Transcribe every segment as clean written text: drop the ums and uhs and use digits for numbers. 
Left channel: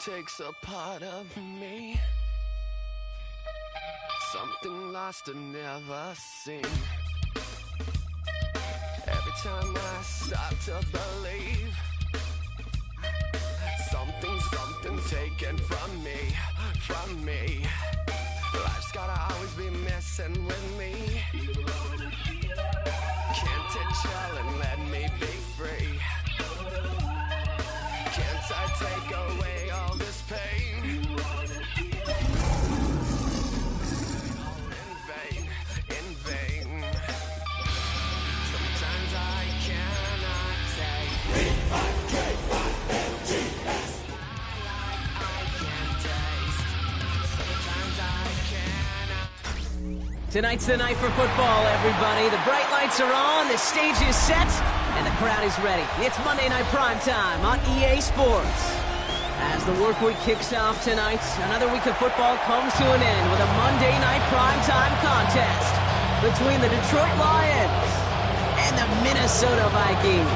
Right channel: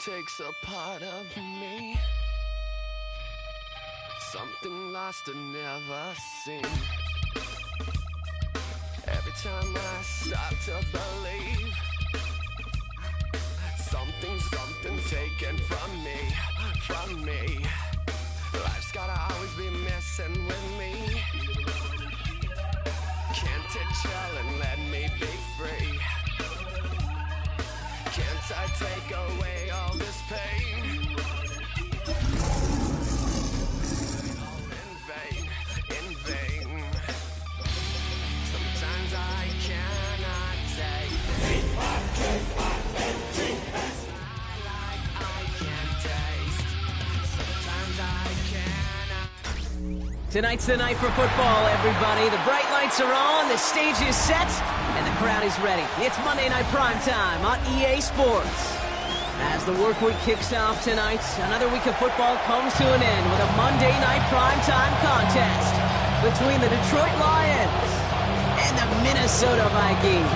takes a part of me, something lost and never seen. Every time I start to believe, something's taken from me. Life's gotta always be messing with me. Can't it chill and let me be free? Can't I take away all this pain? All in vain. Sometimes I cannot take I can't taste. Sometimes I cannot. Tonight's the night for football, everybody. The bright lights are on, the stage is set, and the crowd is ready. It's Monday Night Primetime on EA Sports. As the work week kicks off tonight, another week of football comes to an end with a Monday Night Primetime contest between the Detroit Lions and the Minnesota Vikings.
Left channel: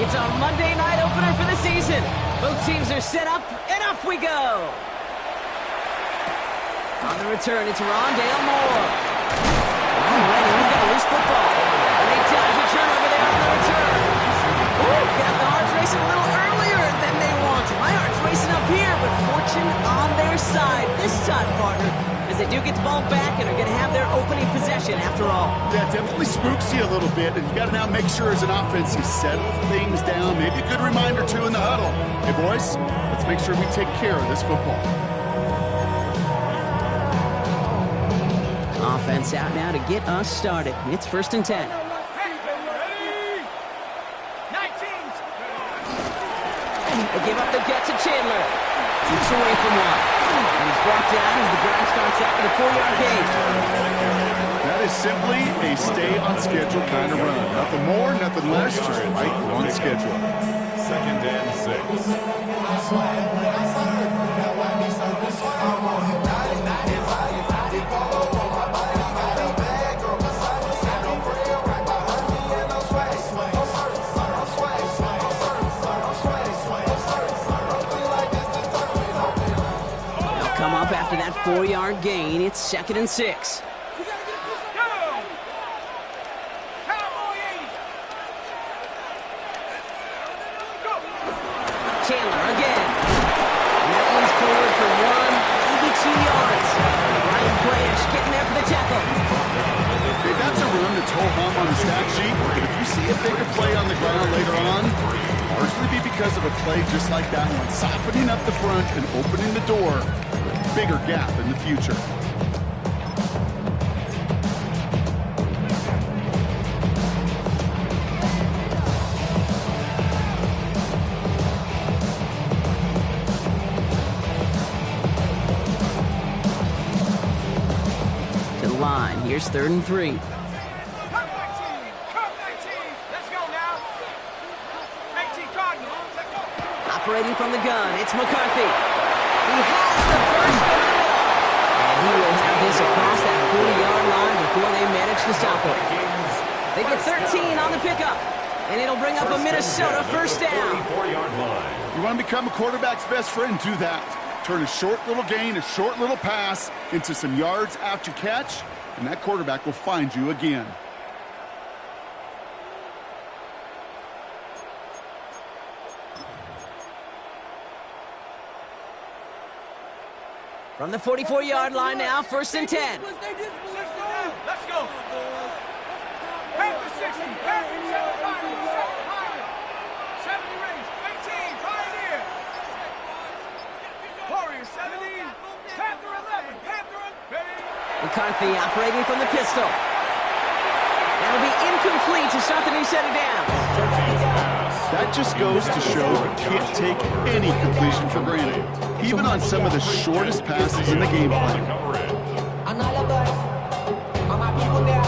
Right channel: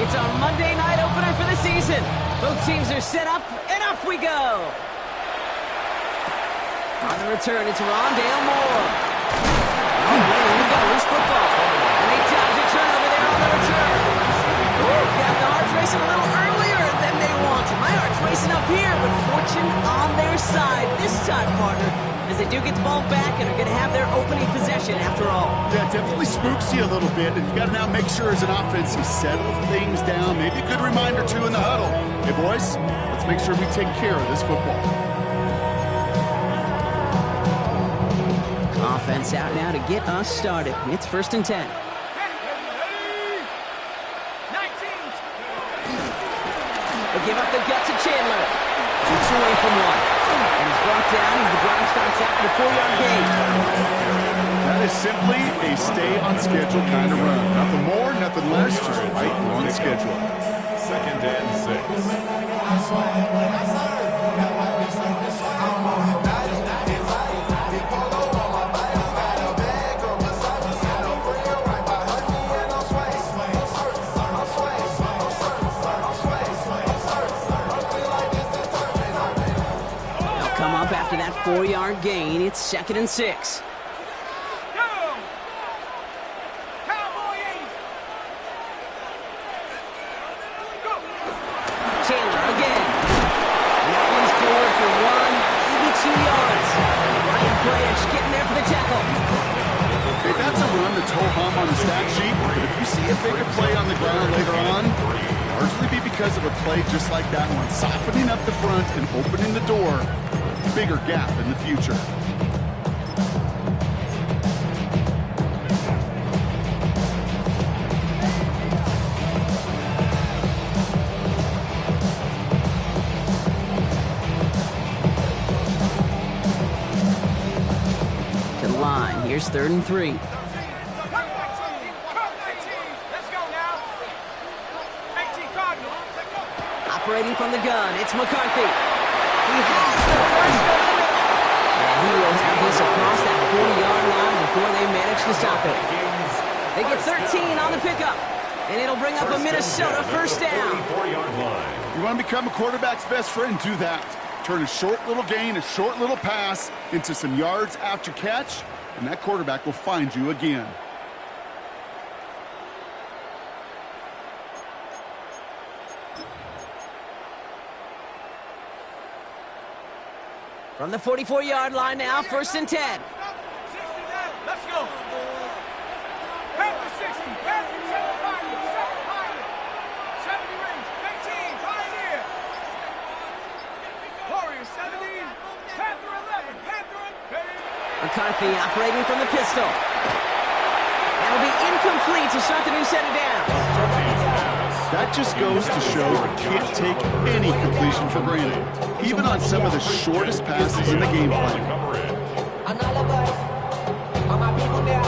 It's our Monday night opener for the season. Both teams are set up, and off we go. On the return, it's Rondale Moore. Already, we've got a loose football. And they dodge a turnover there on the return. Ooh, got the hearts racing a little earlier than they wanted. My heart's racing up here, but fortune on their side this time, partner, as they do get the ball back and are going to have their opening possession after all. Yeah, definitely spooks you a little bit, and you got to now make sure as an offense you settle things down. Maybe a good reminder, too, in the huddle. Hey, boys, let's make sure we take care of this football. Offense out now to get us started. It's 1st and 10. They give up the gut to Chandler. Shoots away from one. And he's brought down as the drive starts out with a 4-yard gain. That is simply a stay-on-schedule kind of run. Nothing more, nothing less, just right on schedule. 2nd and 6. Come up after that 4-yard gain. It's 2nd and 6. Chandler again. And that one's forward for 1, maybe 2 yards. Ryan Branch getting there for the tackle. Okay, that's a run that's ho-hum on the stat sheet, but if you see a bigger play on the ground later on, largely be because of a play just like that one, softening up the front and opening the door. Bigger gap in the future. To the line. Here's 3rd and 3. Let's go now. 18 Cardinal. Operating from the gun, it's McCarthy. He has the first over the middle. And he will have this across that 40-yard line before they manage to stop it. They get 13 on the pickup. And it'll bring up a Minnesota 1st down. You want to become a quarterback's best friend, do that. Turn a short little gain, a short little pass into some yards after catch, and that quarterback will find you again. From the 44-yard line now, 1st and 10. 60 down. Let's go. Panther 60. Panther 7 Pioneer. 70 range. 18 Pioneer. Warrior 70. Panther 11. Panther McCarthy operating from the pistol. That'll be incomplete to start the new set of downs. That just goes to show you can't take any completion for granted, even on some of the shortest passes in the game plan. And all of us, all my people there,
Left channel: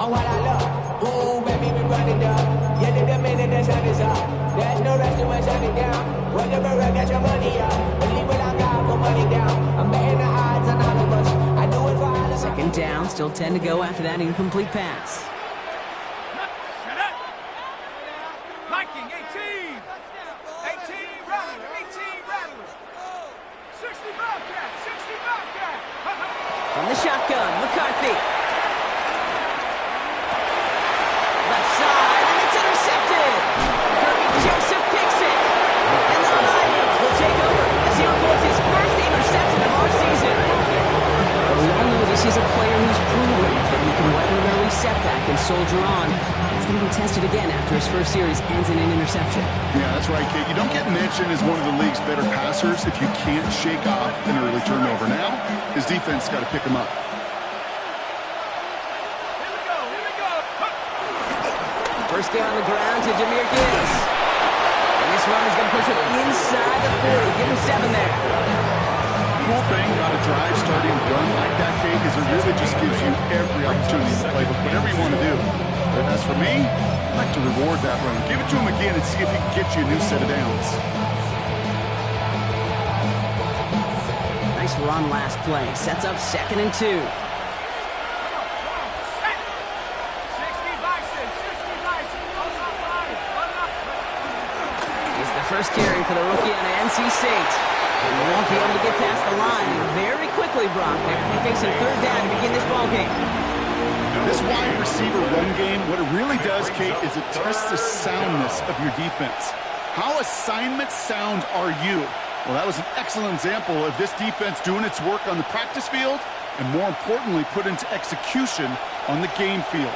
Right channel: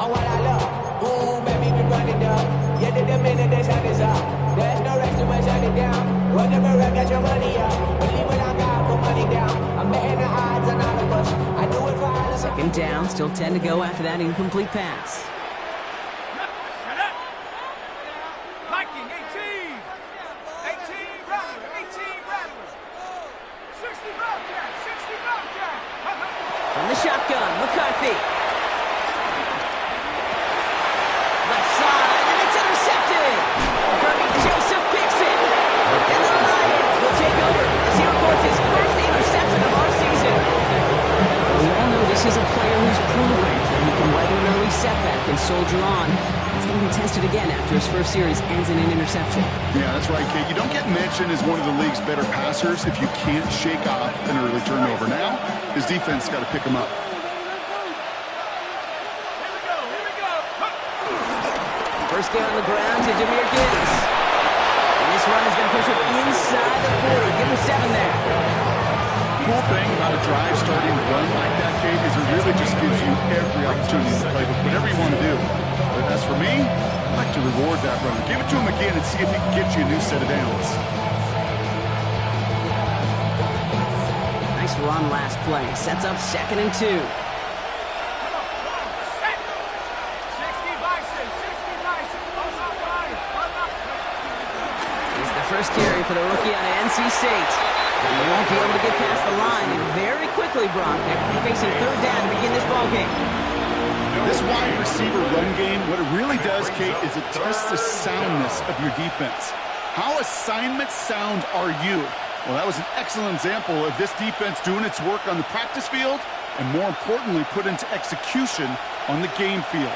oh what I love, ooh baby we run it up. Yeah, the minute the sun is up. There's no rest to my shut it down. Whatever I get your money up. Believe it on God, put money down. I'm betting the odds on all of us. I do it for all of us. Second down, still 10 to go after that incomplete pass. Shut up. Viking, 18. 18 Rattler, 18 Rattler. 60 Bobcat, 60 Bobcat. From the shotgun, McCarthy. Left side, and it's intercepted. Kirby Joseph picks it. And the Lions will take over as he records his first interception of our season. But we all know this is a player who's proven that he can weather an early setback and soldier on. It's going to be tested again after his first series ends in an interception. Yeah, that's right, Kate. You don't get mentioned as one of the league's better passers if you can't shake off an early turnover. Now, his defense got to pick him up. Here we go, here we go. First down on the ground to Jahmyr Gibbs. And this run is going to push him inside the 40. Give him 7 there. Cool thing about a drive starting to run like that, Kate, is it really just gives you every opportunity in the playbook, whatever you want to do. But as for me, I'd like to reward that run. Give it to him again and see if he can get you a new set of downs. Nice run last play. Sets up 2nd and 2. First carry for the rookie out of NC State. And they won't be able to get past the line, and very quickly, Brock, they're facing 3rd down to begin this ballgame. This wide receiver run game, what it really does, Kate, is it tests the soundness of your defense. How assignment sound are you? Well, that was an excellent example of this defense doing its work on the practice field, and more importantly, put into execution on the game field.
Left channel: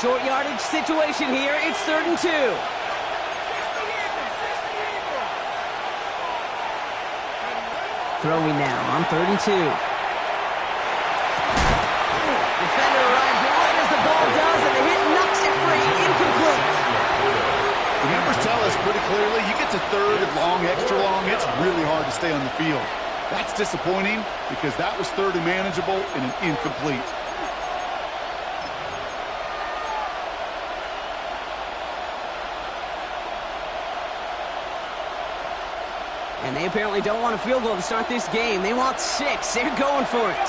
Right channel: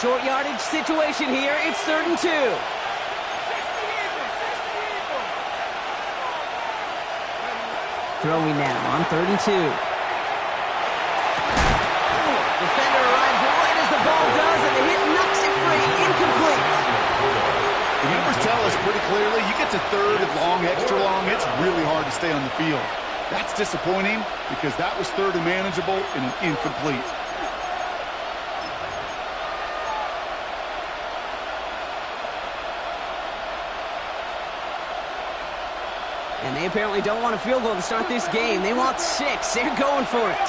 Short yardage situation here. It's 3rd and 2. Throwing now on 3rd and 2. Defender arrives right as the ball does, and the hit knocks it free. Incomplete. The numbers tell us pretty clearly, you get to 3rd and long, extra long, it's really hard to stay on the field. That's disappointing because that was 3rd and manageable and an incomplete. And they apparently don't want a field goal to start this game. They want 6. They're going for it.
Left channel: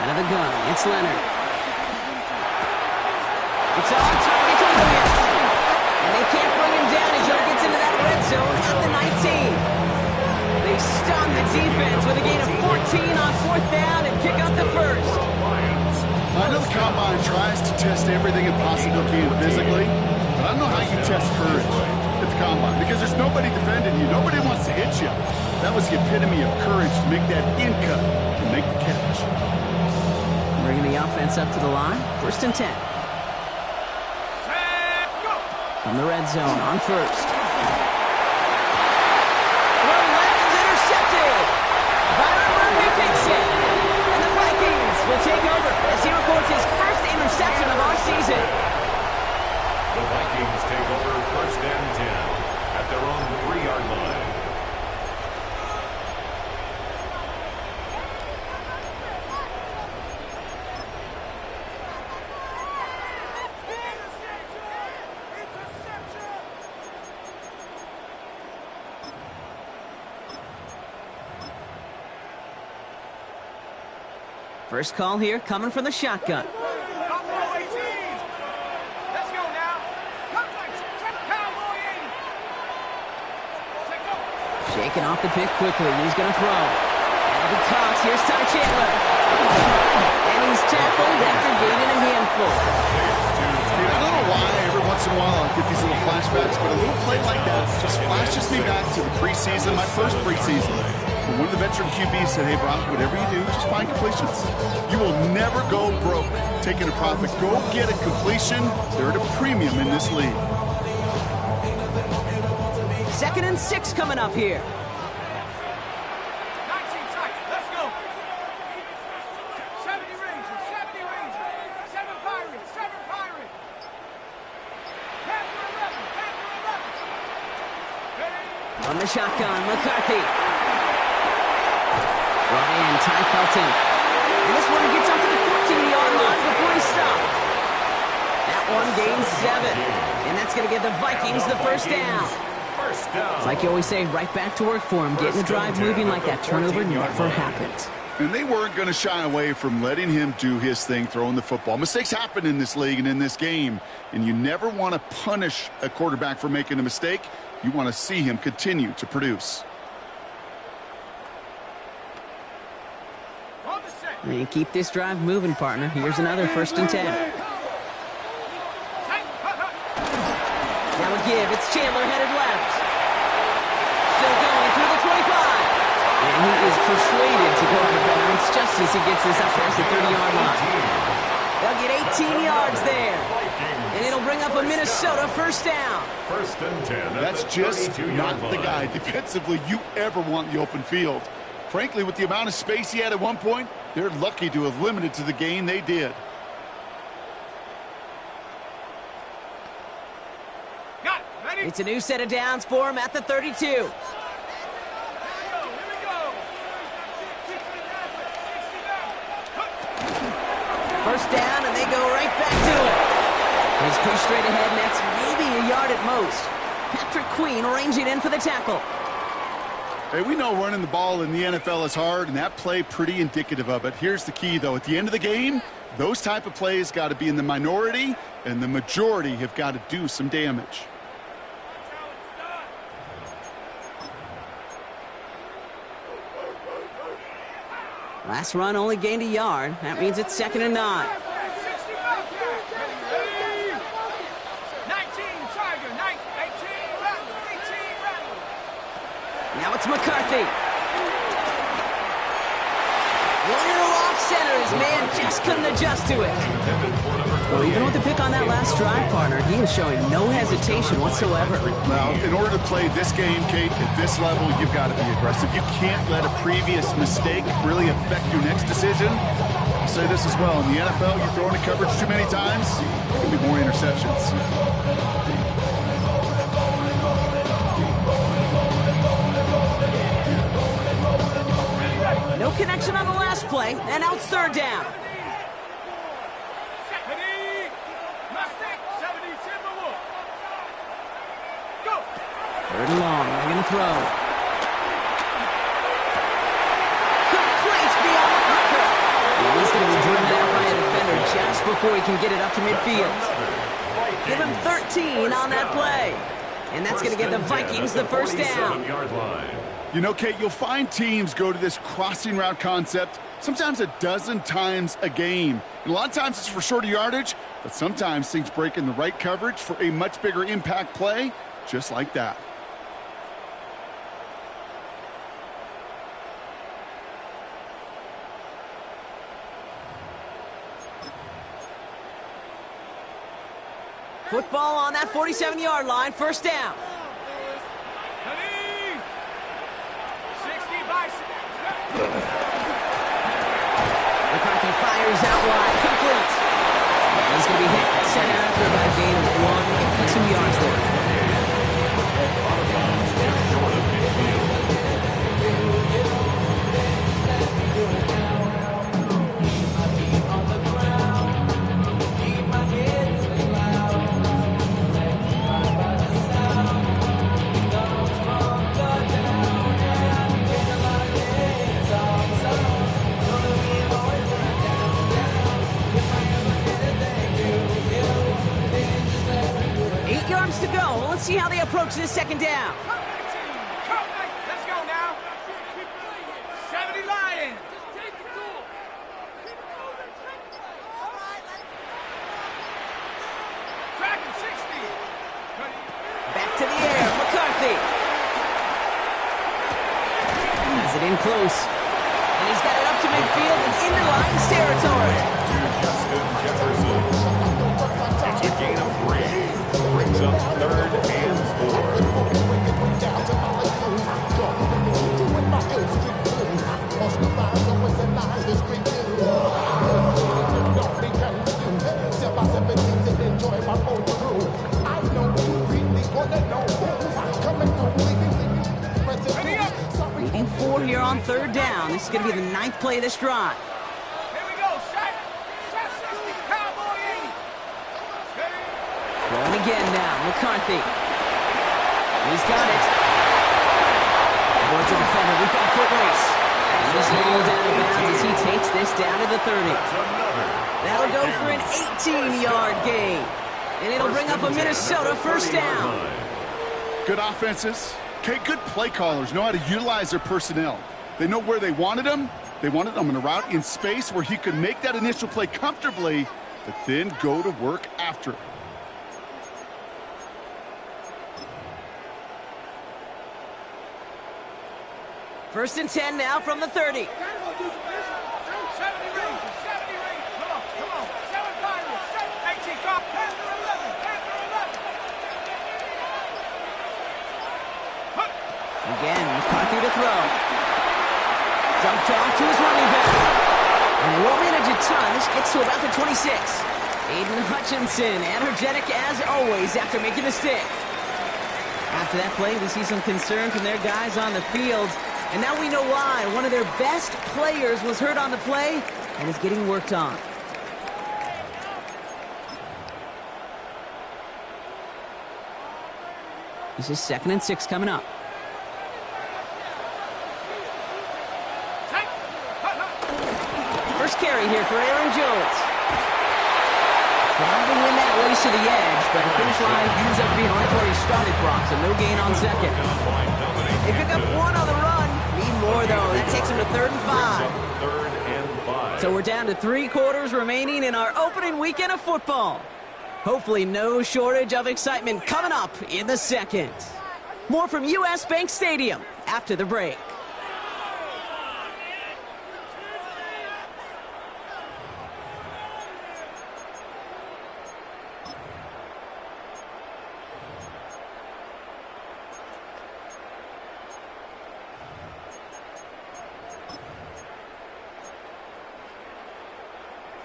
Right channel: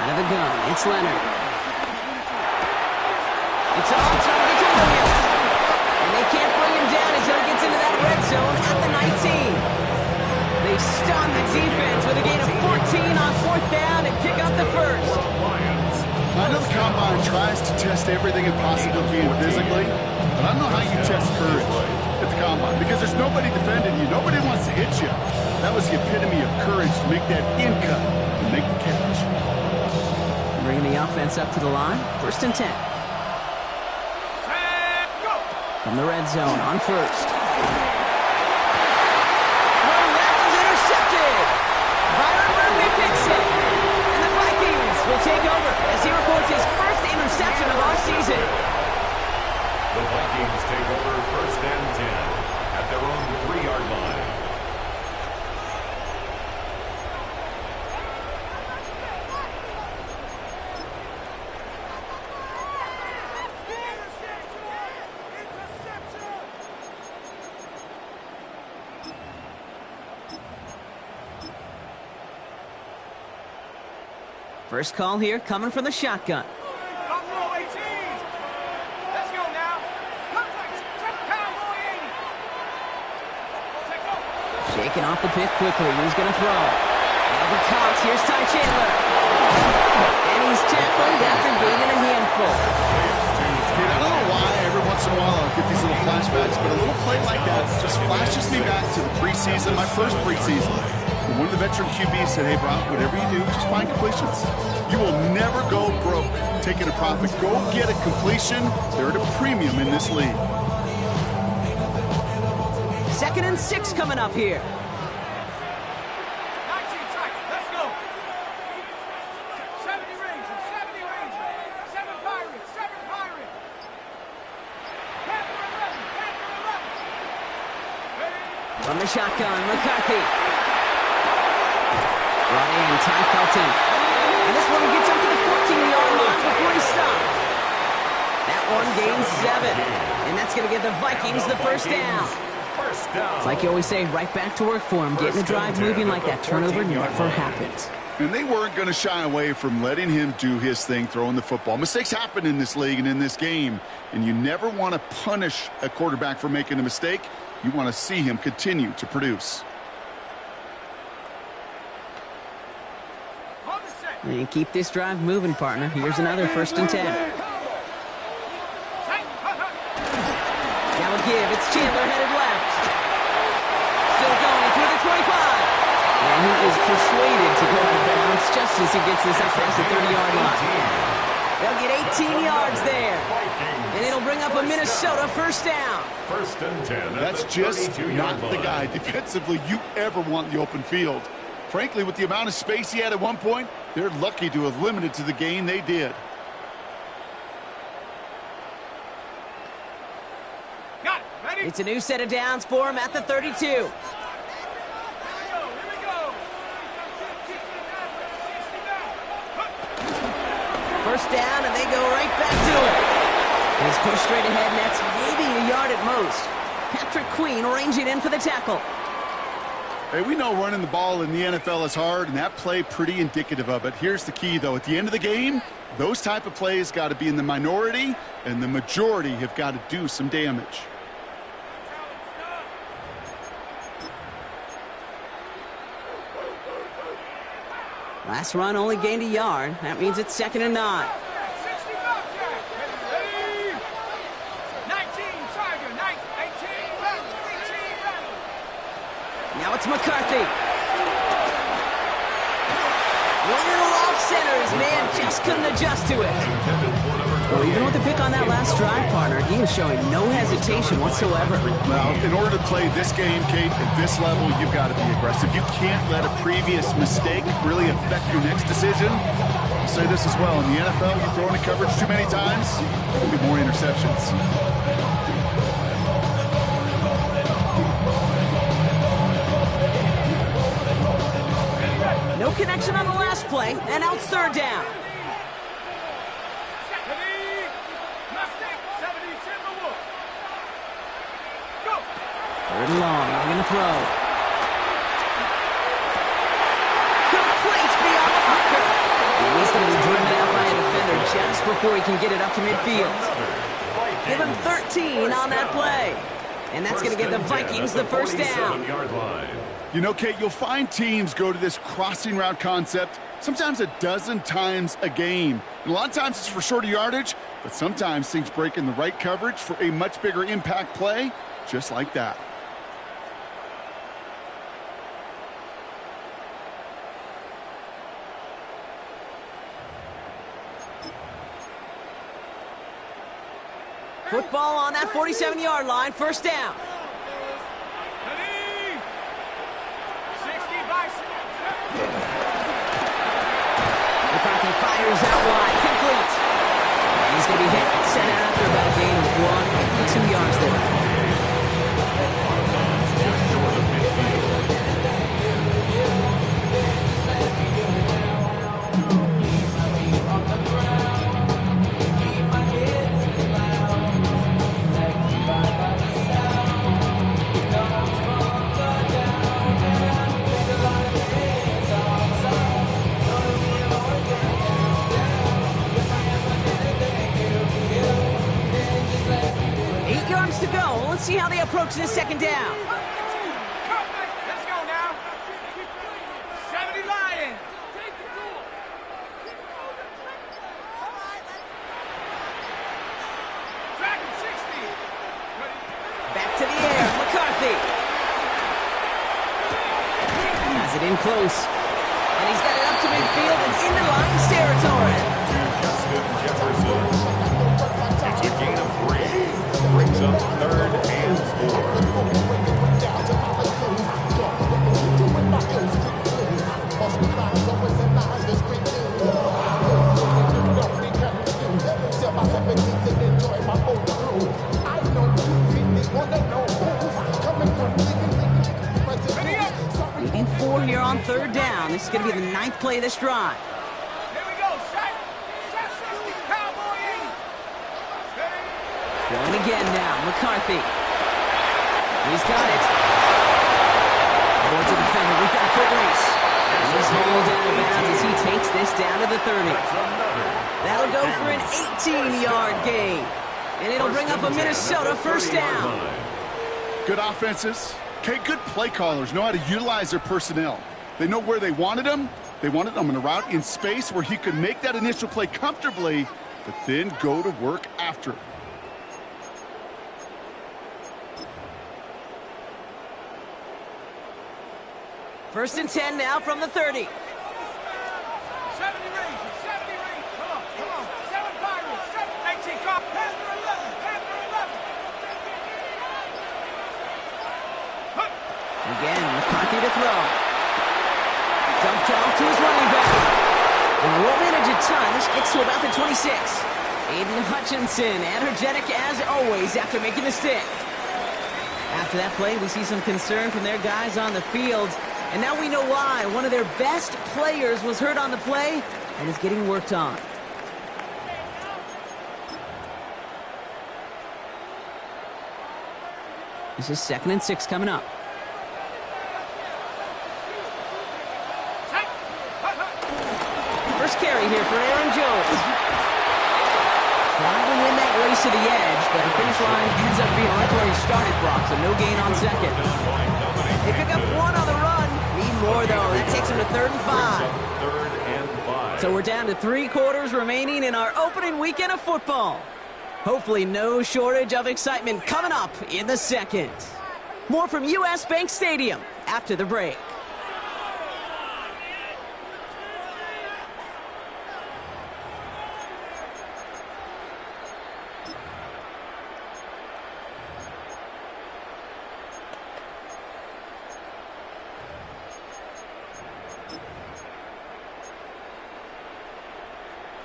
Out of the gun, it's Leonard. It's on target to Williams. And they can't bring him down until he gets into that red zone at the 19. They stun the defense with a gain of 14 on 4th down and pick up the first. I know the Combine tries to test everything it possibly can physically, but I don't know how you test courage at the Combine because there's nobody defending you. Nobody wants to hit you. That was the epitome of courage to make that in cut and make the catch. Bringing the offense up to the line. 1st and 10. From the red zone on 1st. Throw left is intercepted. Byron Murphy picks it. And the Vikings will take over as he records his first interception of our season. The Vikings take over 1st and 10 at their own 3-yard line. First call here coming from the shotgun. Buffalo 18. Let's go now. Come back. Cowboy 80. Take over. Shaking off the pick quickly. He's going to throw. That'll be Cox. Here's Ty Chandler. And he's tackled after gaining a handful. Dude, I don't know why every once in a while I'll get these little flashbacks, but a little play like that just flashes me back to the preseason, my first preseason. One of the veteran QBs said, hey, Brock, whatever you do, just find completions. You will never go broke taking a profit. Go get a completion. They're at a premium in this league. 2nd and 6 coming up here. 19 tight. Let's go. 70 Rangers. 70 Rangers. 7 Pirates. 7 Pirates. Panther 11. Panther 11. Ready? From the shotgun, McCarthy. Brought in, Ty Felton. And this one gets up to the 14. 13-yard line before he stopped. That one gains 7. And that's going to give the Vikings the first down. It's like you always say, right back to work for him, getting the drive moving like that turnover never happened. And they weren't going to shy away from letting him do his thing, throwing the football. Mistakes happen in this league and in this game, and you never want to punish a quarterback for making a mistake. You want to see him continue to produce. And keep this drive moving, partner. Here's another 1st and 10. Now a give. It's Chandler headed left. Still going through the 25. And he is persuaded to go out of bounds just as he gets this up past the 30-yard line. They'll get 18 yards there. And it'll bring up a Minnesota first down. 1st and 10. That's just not the guy defensively you ever want in the open field. Frankly, with the amount of space he had at one point, they're lucky to have limited to the gain they did. Got it. Ready? It's a new set of downs for him at the 32. First down, and they go right back to it. He's pushed straight ahead, and that's maybe a yard at most. Patrick Queen ranging in for the tackle. Hey, we know running the ball in the NFL is hard, and that play pretty indicative of it. Here's the key, though. At the end of the game, those type of plays got to be in the minority, and the majority have got to do some damage. Last run only gained a yard. That means it's 2nd and 9. 19 Tiger, 18 Rattle. Now it's McCarthy. Little off center. His man just couldn't adjust to it. Well, even with the pick on that last drive, partner, he is showing no hesitation whatsoever. Well, in order to play this game, Kate, at this level, you've got to be aggressive. You can't let a previous mistake really affect your next decision. I'll say this as well. In the NFL, you throw into coverage too many times, there could be more interceptions. No connection on the last play, and now it's 3rd down. Go. 3rd and long. They're going to throw. Complete beyond the marker. And he's going to be driven out by a defender just before he can get it up to midfield. Give him 13 on that play. And that's going to give the Vikings the first down. You know, Kate, you'll find teams go to this crossing route concept sometimes a dozen times a game. And a lot of times it's for shorter yardage, but sometimes things break in the right coverage for a much bigger impact play, just like that. Football on that 47-yard line, 1st down. McCarthy fires out wide, complete. And he's going to be hit, set out after about a gain of 2 yards there. Just short of midfield. To go. Let's see how they approach this 2nd down. Let's go now. 70 Lions. Dragon 60. Back to the air, McCarthy. Has it in close. And he's got it up to midfield and into Lions territory. To Justin Jefferson. It's a gain of 3. Brings up 3rd and 4. Leading 4 here on 3rd down. This is going to be the 9th play of this drive. Here we go, set. Going again now, McCarthy. He's got it. Avoids a defender. We've got a foot race. And he's hauled out of bounds as he takes this down to the 30. That'll go for an 18-yard gain. And it'll bring up a Minnesota first down. Good offenses. Okay, good play callers know how to utilize their personnel. They know where they wanted them. They wanted them in a route in space where he could make that initial play comfortably, but then go to work after. First and 10 now from the 30. 70 range, 70 range. Come on. 7 Pirates, 18, call. Panther 11, Panther 11. Again, McCarthy to throw. Dumped off to his running back. And they won't manage a ton. This gets to about the 26. Aiden Hutchinson, energetic as always after making the stick. After that play, we see some concern from their guys on the field. And now we know why. One of their best players was hurt on the play and is getting worked on. This is 2nd and 6 coming up. First carry here for Aaron Jones. Trying to win that race to the edge, but the finish line ends up being right where he started, Brock, so no gain on second. They pick up one on the run. Need more, though. That takes them to 3rd and 5. So we're down to 3 quarters remaining in our opening weekend of football. Hopefully no shortage of excitement coming up in the second. More from U.S. Bank Stadium after the break.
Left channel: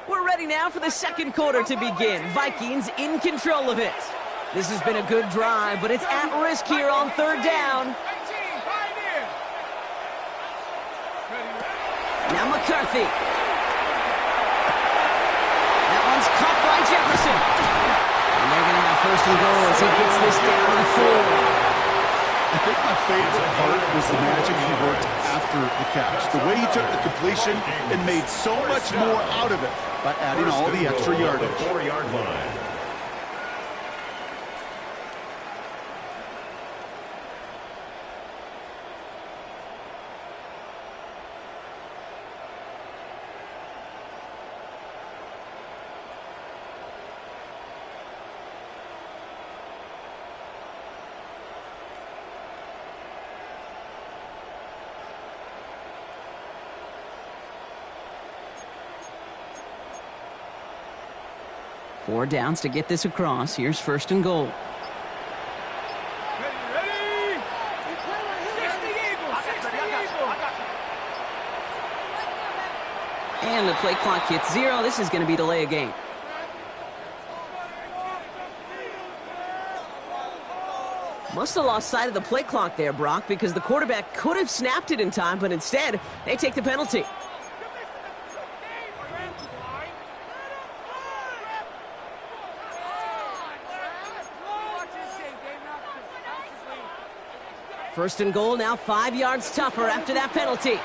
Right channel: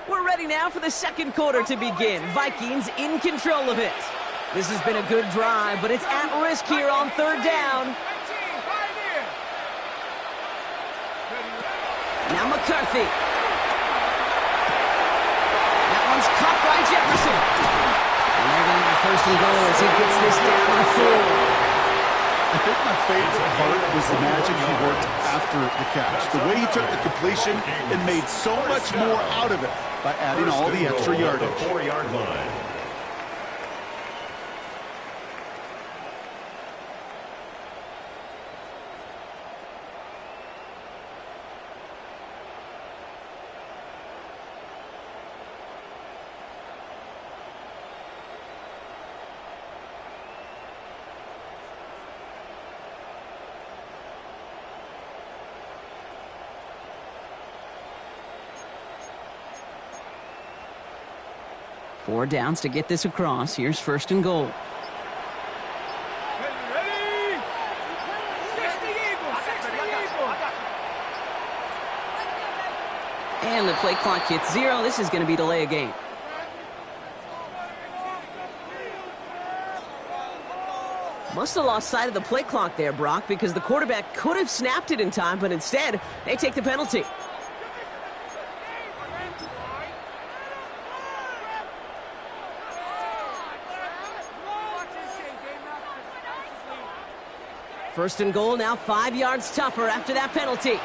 We're ready now for the second quarter to begin. Vikings in control of it. This has been a good drive, but it's at risk here on 3rd down. Now McCarthy. That one's caught by Jefferson. And they're going to have 1st and goal as he gets this down to the 4. I think my favorite part was the magic he worked after the catch. The way he took the completion and made so much more out of it by adding all the extra yardage. 4-yard line. Four downs to get this across. Here's 1st and goal. Ready! 60 Eagles, 60 Eagles. And the play clock hits 0. This is going to be delay a game. Must have lost sight of the play clock there, Brock, because the quarterback could have snapped it in time, but instead, they take the penalty. First and goal, now 5 yards tougher after that penalty.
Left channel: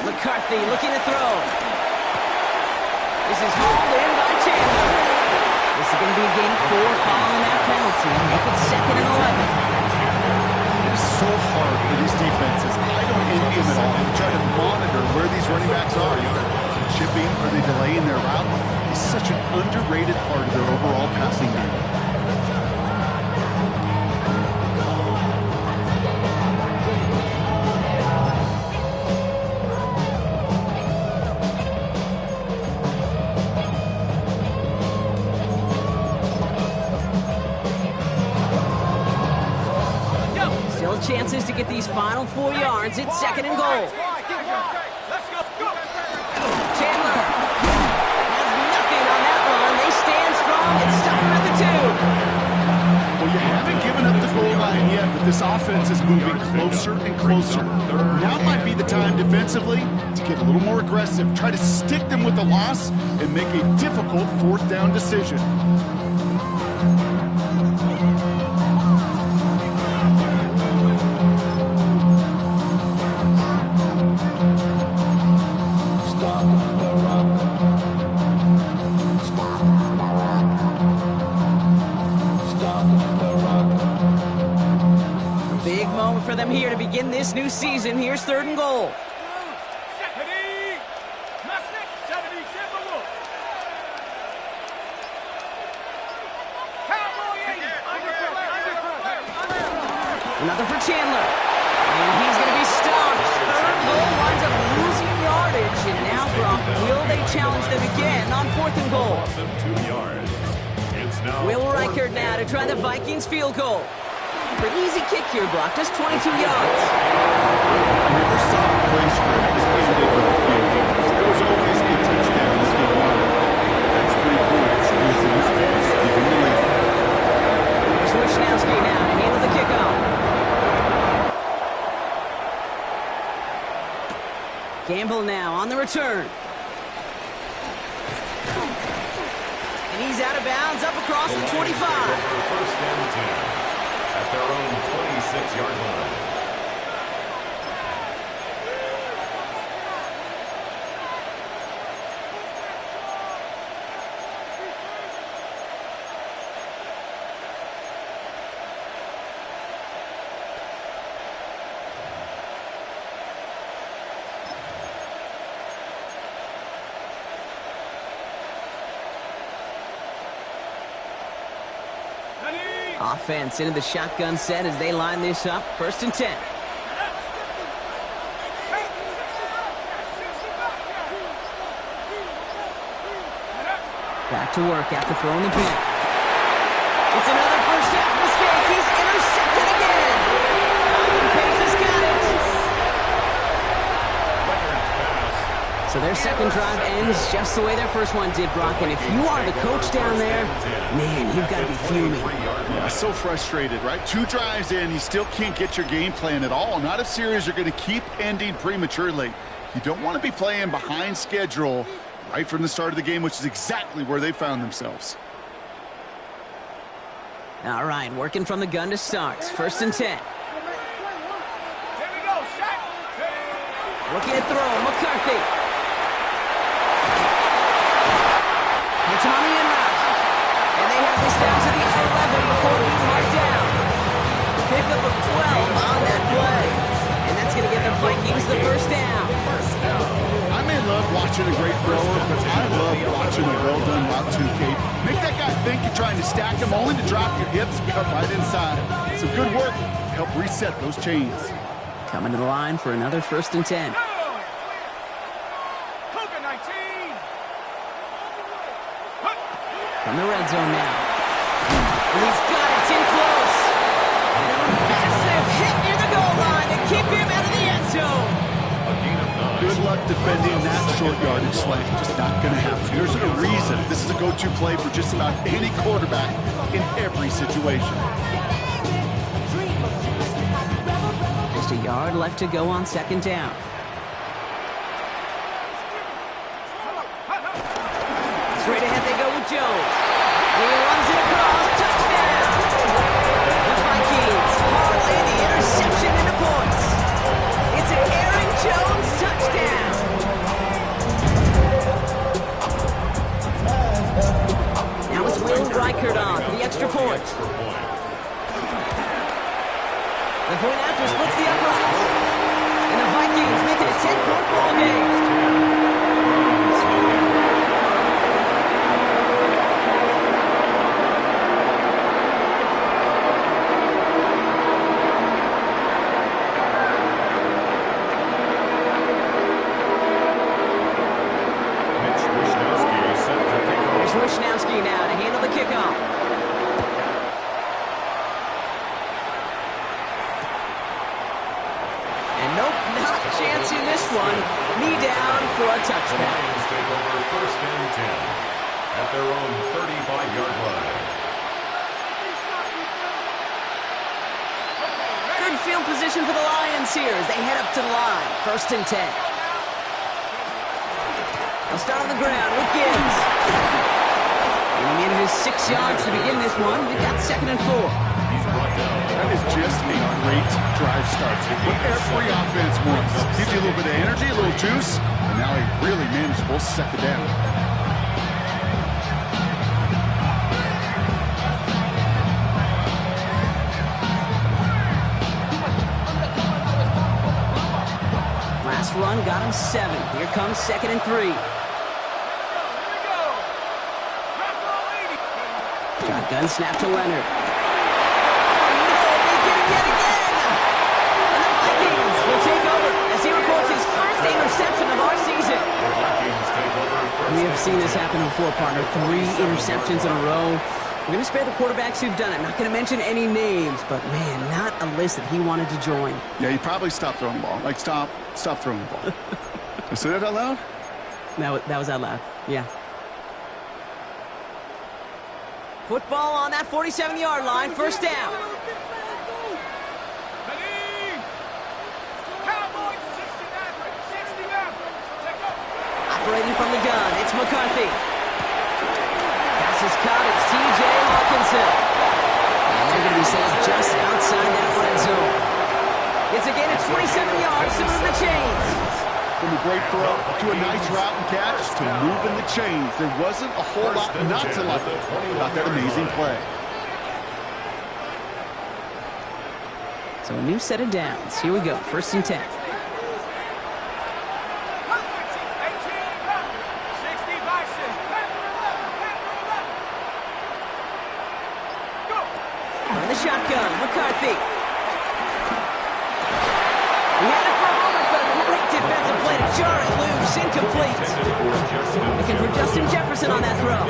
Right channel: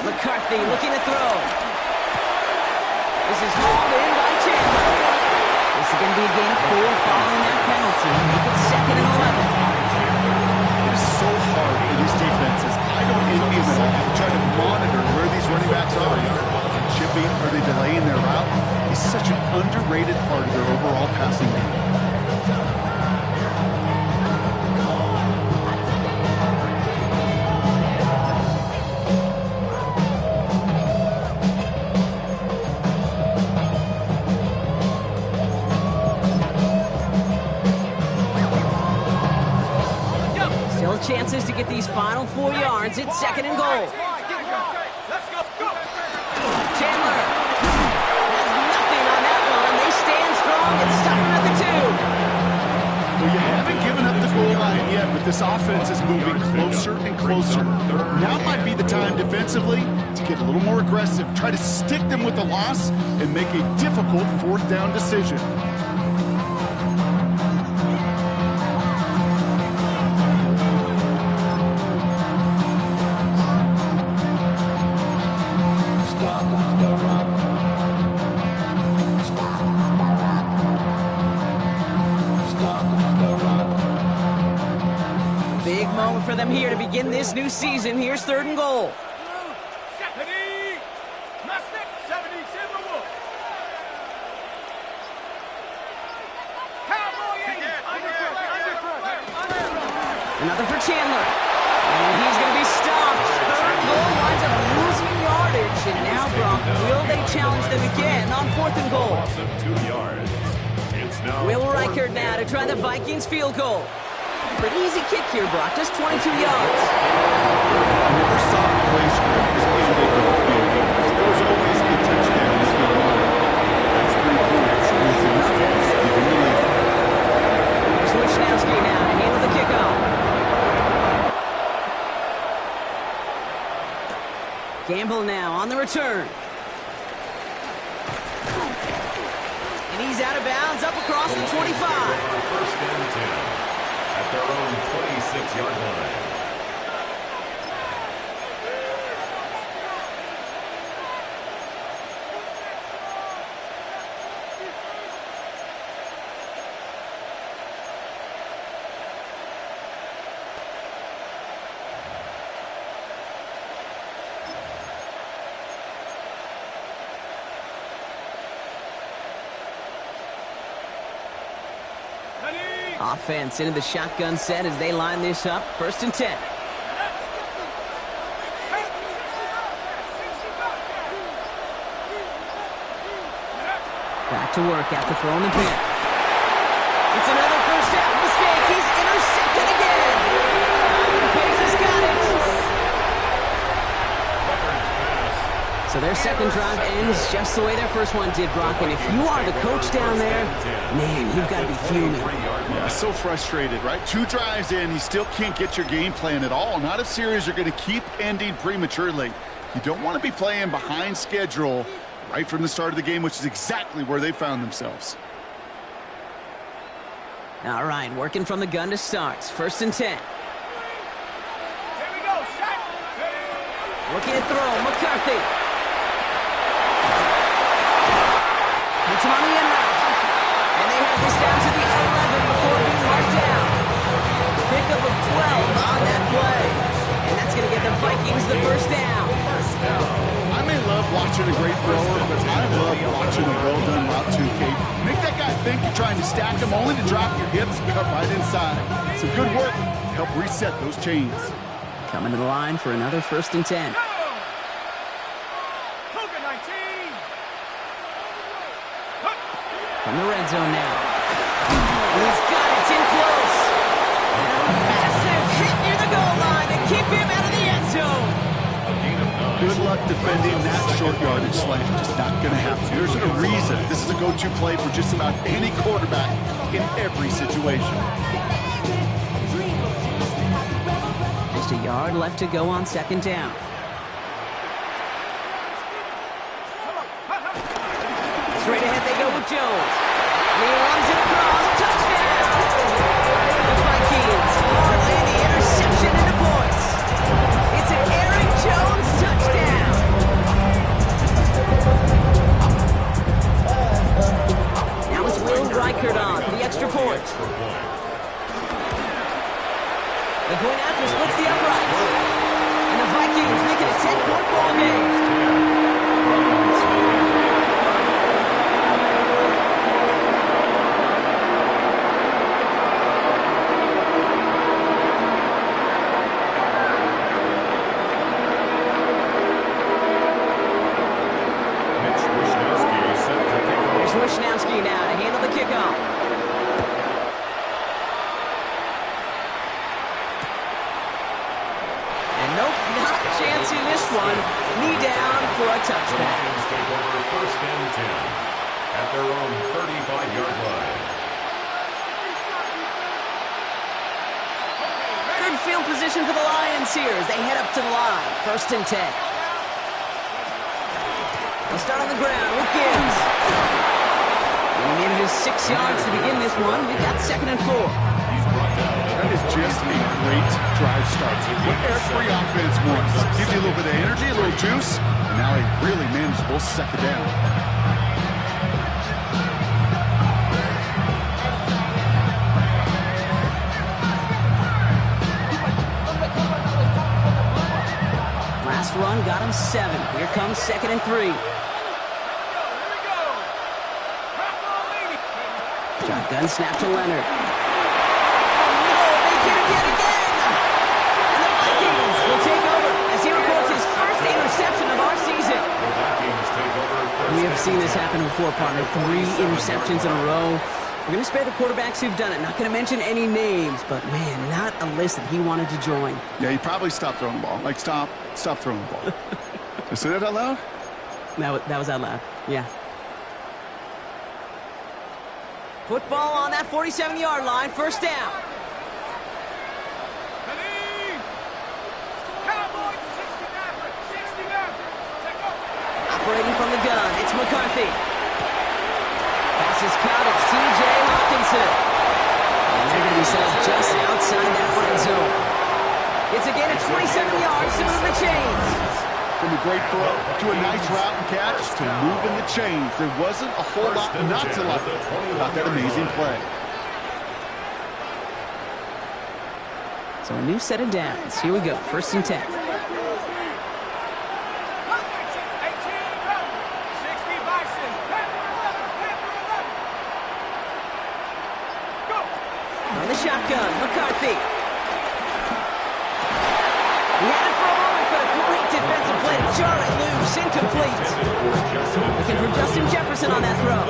McCarthy looking to throw. This is hauled in by Chandler. This is going to be a gain of 4 following that penalty. Make it 2nd and 11. It is so hard for these defenses. I don't envy them at all. They try to monitor where these running backs are. Chipping, are they delaying their route? It's such an underrated part of their overall passing game. Still chances to get these final 4 yards. It's 2nd and goal. Let's go. Chandler has nothing on that run. They stand strong and stop him at the 2. Well, you haven't given up the goal line yet, but this offense is moving closer and closer. Now might be the time to defensively to get a little more aggressive, try to stick them with the loss, and make a difficult fourth down decision. Big moment for them here to begin this new season. Here's 3rd and goal. 70. Musnik. 70. Timberwolf. Cowboy 80. Another for Chandler. And he's going to be stopped. 3rd goal winds up losing yardage. And now, Brock, will they challenge them again on 4th and goal? Loss of 2 yards. It's now Will Reichert now to try the Vikings field goal. Pretty easy kick here, Brock. Just 22 yards. I never saw a play script as ended with a field goal. There was always a touchdown as you wanted. That's 3 points, and it's enough to give him the lead. Here's Wishnowski now to handle the kickoff. Gamble now on the return. And he's out of bounds up across the 25. 1st and 10 at their own 26-yard line. Offense into the shotgun set as they line this up. 1st and 10. Back to work after throwing the pin. It's another first half mistake. He's intercepted again. Ivan Pace has got it. Records pass. So their second drive ends just the way their first one did, Brock. And if you are the coach down there, man, you've got to be fuming. Yeah, so frustrated, right? 2 drives in, you still can't get your game plan at all. Not if series are going to keep ending prematurely. You don't want to be playing behind schedule right from the start of the game, which is exactly where they found themselves. All right, working from the gun to start. 1st and 10. Here we go. Shot. Looking at throw. McCarthy. Hits him on the in route. And they have this down to the 11 before being marked down. Pickup of 12 on that play. And that's going to get the Vikings the first down. I may love watching a great thrower, but I love watching a well-done route too, Kate. Make that guy think you're trying to stack him only to drop your hips and cut right inside. Some good work to help reset those chains. Coming to the line for another 1st and 10. Cougar 19. From the red zone now. And he's got it. It's in close. And a massive hit near the goal line to keep him out of the end zone. A gain of 9. Good luck defending that short yardage slant. Just not going to happen. There's a reason this is a go-to play for just about any quarterback in every situation. Just a yard left to go on 2nd down. Straight ahead they go with Jones. And he runs it across. Touchdown! The Vikings parlay the interception into points. It's an Aaron Jones touchdown. Now it's Will Reichert on for the extra point. The point after splits the uprights. And the Vikings make it a 10-point ball game. Wishnowski now to handle the kickoff. And nope, not a chance in this one. Knee down for a touchback. The Lions take over 1st and 10 at their own 35-yard line. Good field position for the Lions here as they head up to the line. 1st and 10. They'll start on the ground with Gibbs. And he made it just 6 yards to begin this one. We've got 2nd and 4. That is just a great drive start. What every offense wants. Gives you a little bit of energy, a little juice, and now a really manageable 2nd down. Last run got him 7. Here comes 2nd and 3. Shotgun snap to Leonard. Oh no, they get him yet again! And the Vikings will take over as he records his first interception of our season. We have seen this happen before, partner. 3 interceptions in a row. We're going to spare the quarterbacks who've done it. Not going to mention any names, but man, not a list that he wanted to join. Yeah, he probably stopped throwing the ball. Like, stop throwing the ball. Did I say that out loud? That was out loud, yeah. Football on that 47-yard line, 1st down. Operating from the gun, it's McCarthy. Pass is caught, it's T.J. Hawkinson. And they're going to be set up just outside that red zone. It's again at 27 yards to move the chains. From a great throw to a nice route and catch to moving the chains. There wasn't a whole lot not to like about that amazing play. So a new set of downs. Here we go, 1st and 10. On the shotgun, McCarthy. He had it for a moment, but a great defensive play to jar it loose, incomplete. Looking for Justin Jefferson on that throw.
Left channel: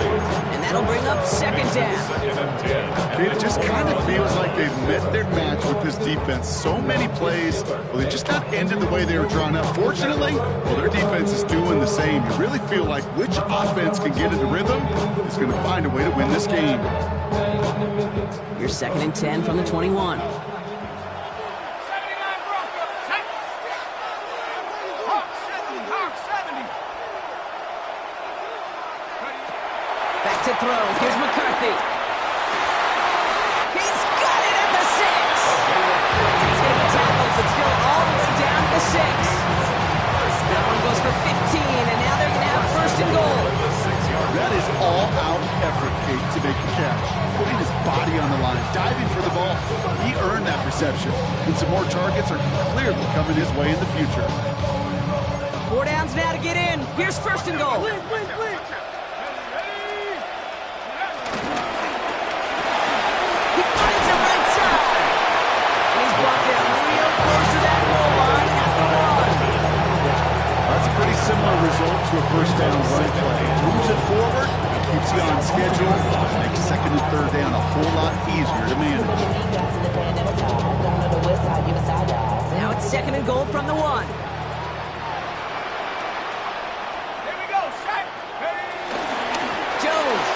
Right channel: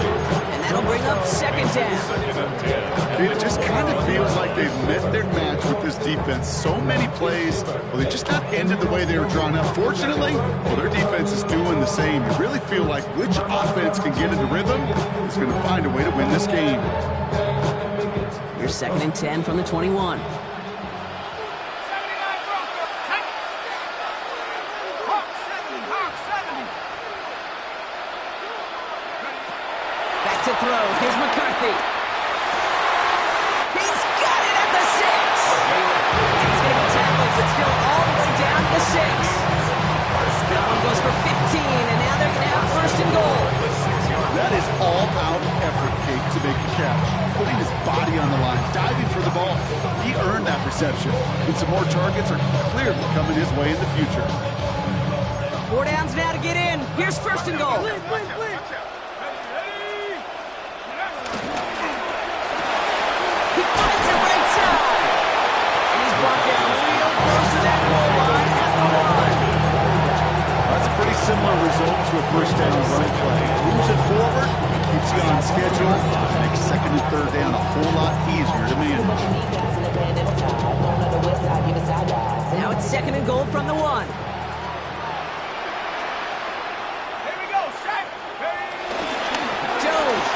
And that'll bring up 2nd down. It just kind of feels like they've met their match with this defense. So many plays, well, they just not ended the way they were drawn up. Fortunately, well, their defense is doing the same. You really feel like which offense can get into rhythm is going to find a way to win this game. Here's 2nd and 10 from the 21. Back to throw. Here's McCarthy. He's got it at the 6. And he's going to be tackled, but still all the way down to 6. That one goes for 15, and now they're going to have 1st and goal. That is all-out effort, Kate, to make the catch. Putting his body on the line, diving for the ball. He earned that reception, and some more targets are clearly coming his way in the future. 4 downs now to get in. Here's 1st and goal. He finds it right side. And he's brought down real close to that goal line at the 1. That's a pretty similar result to a 1st down run play. Moves it forward, keeps you on schedule, makes 2nd and 3rd down a whole lot easier to manage. Now it's 2nd and goal from the 1. Here we go, Shaq. Jones.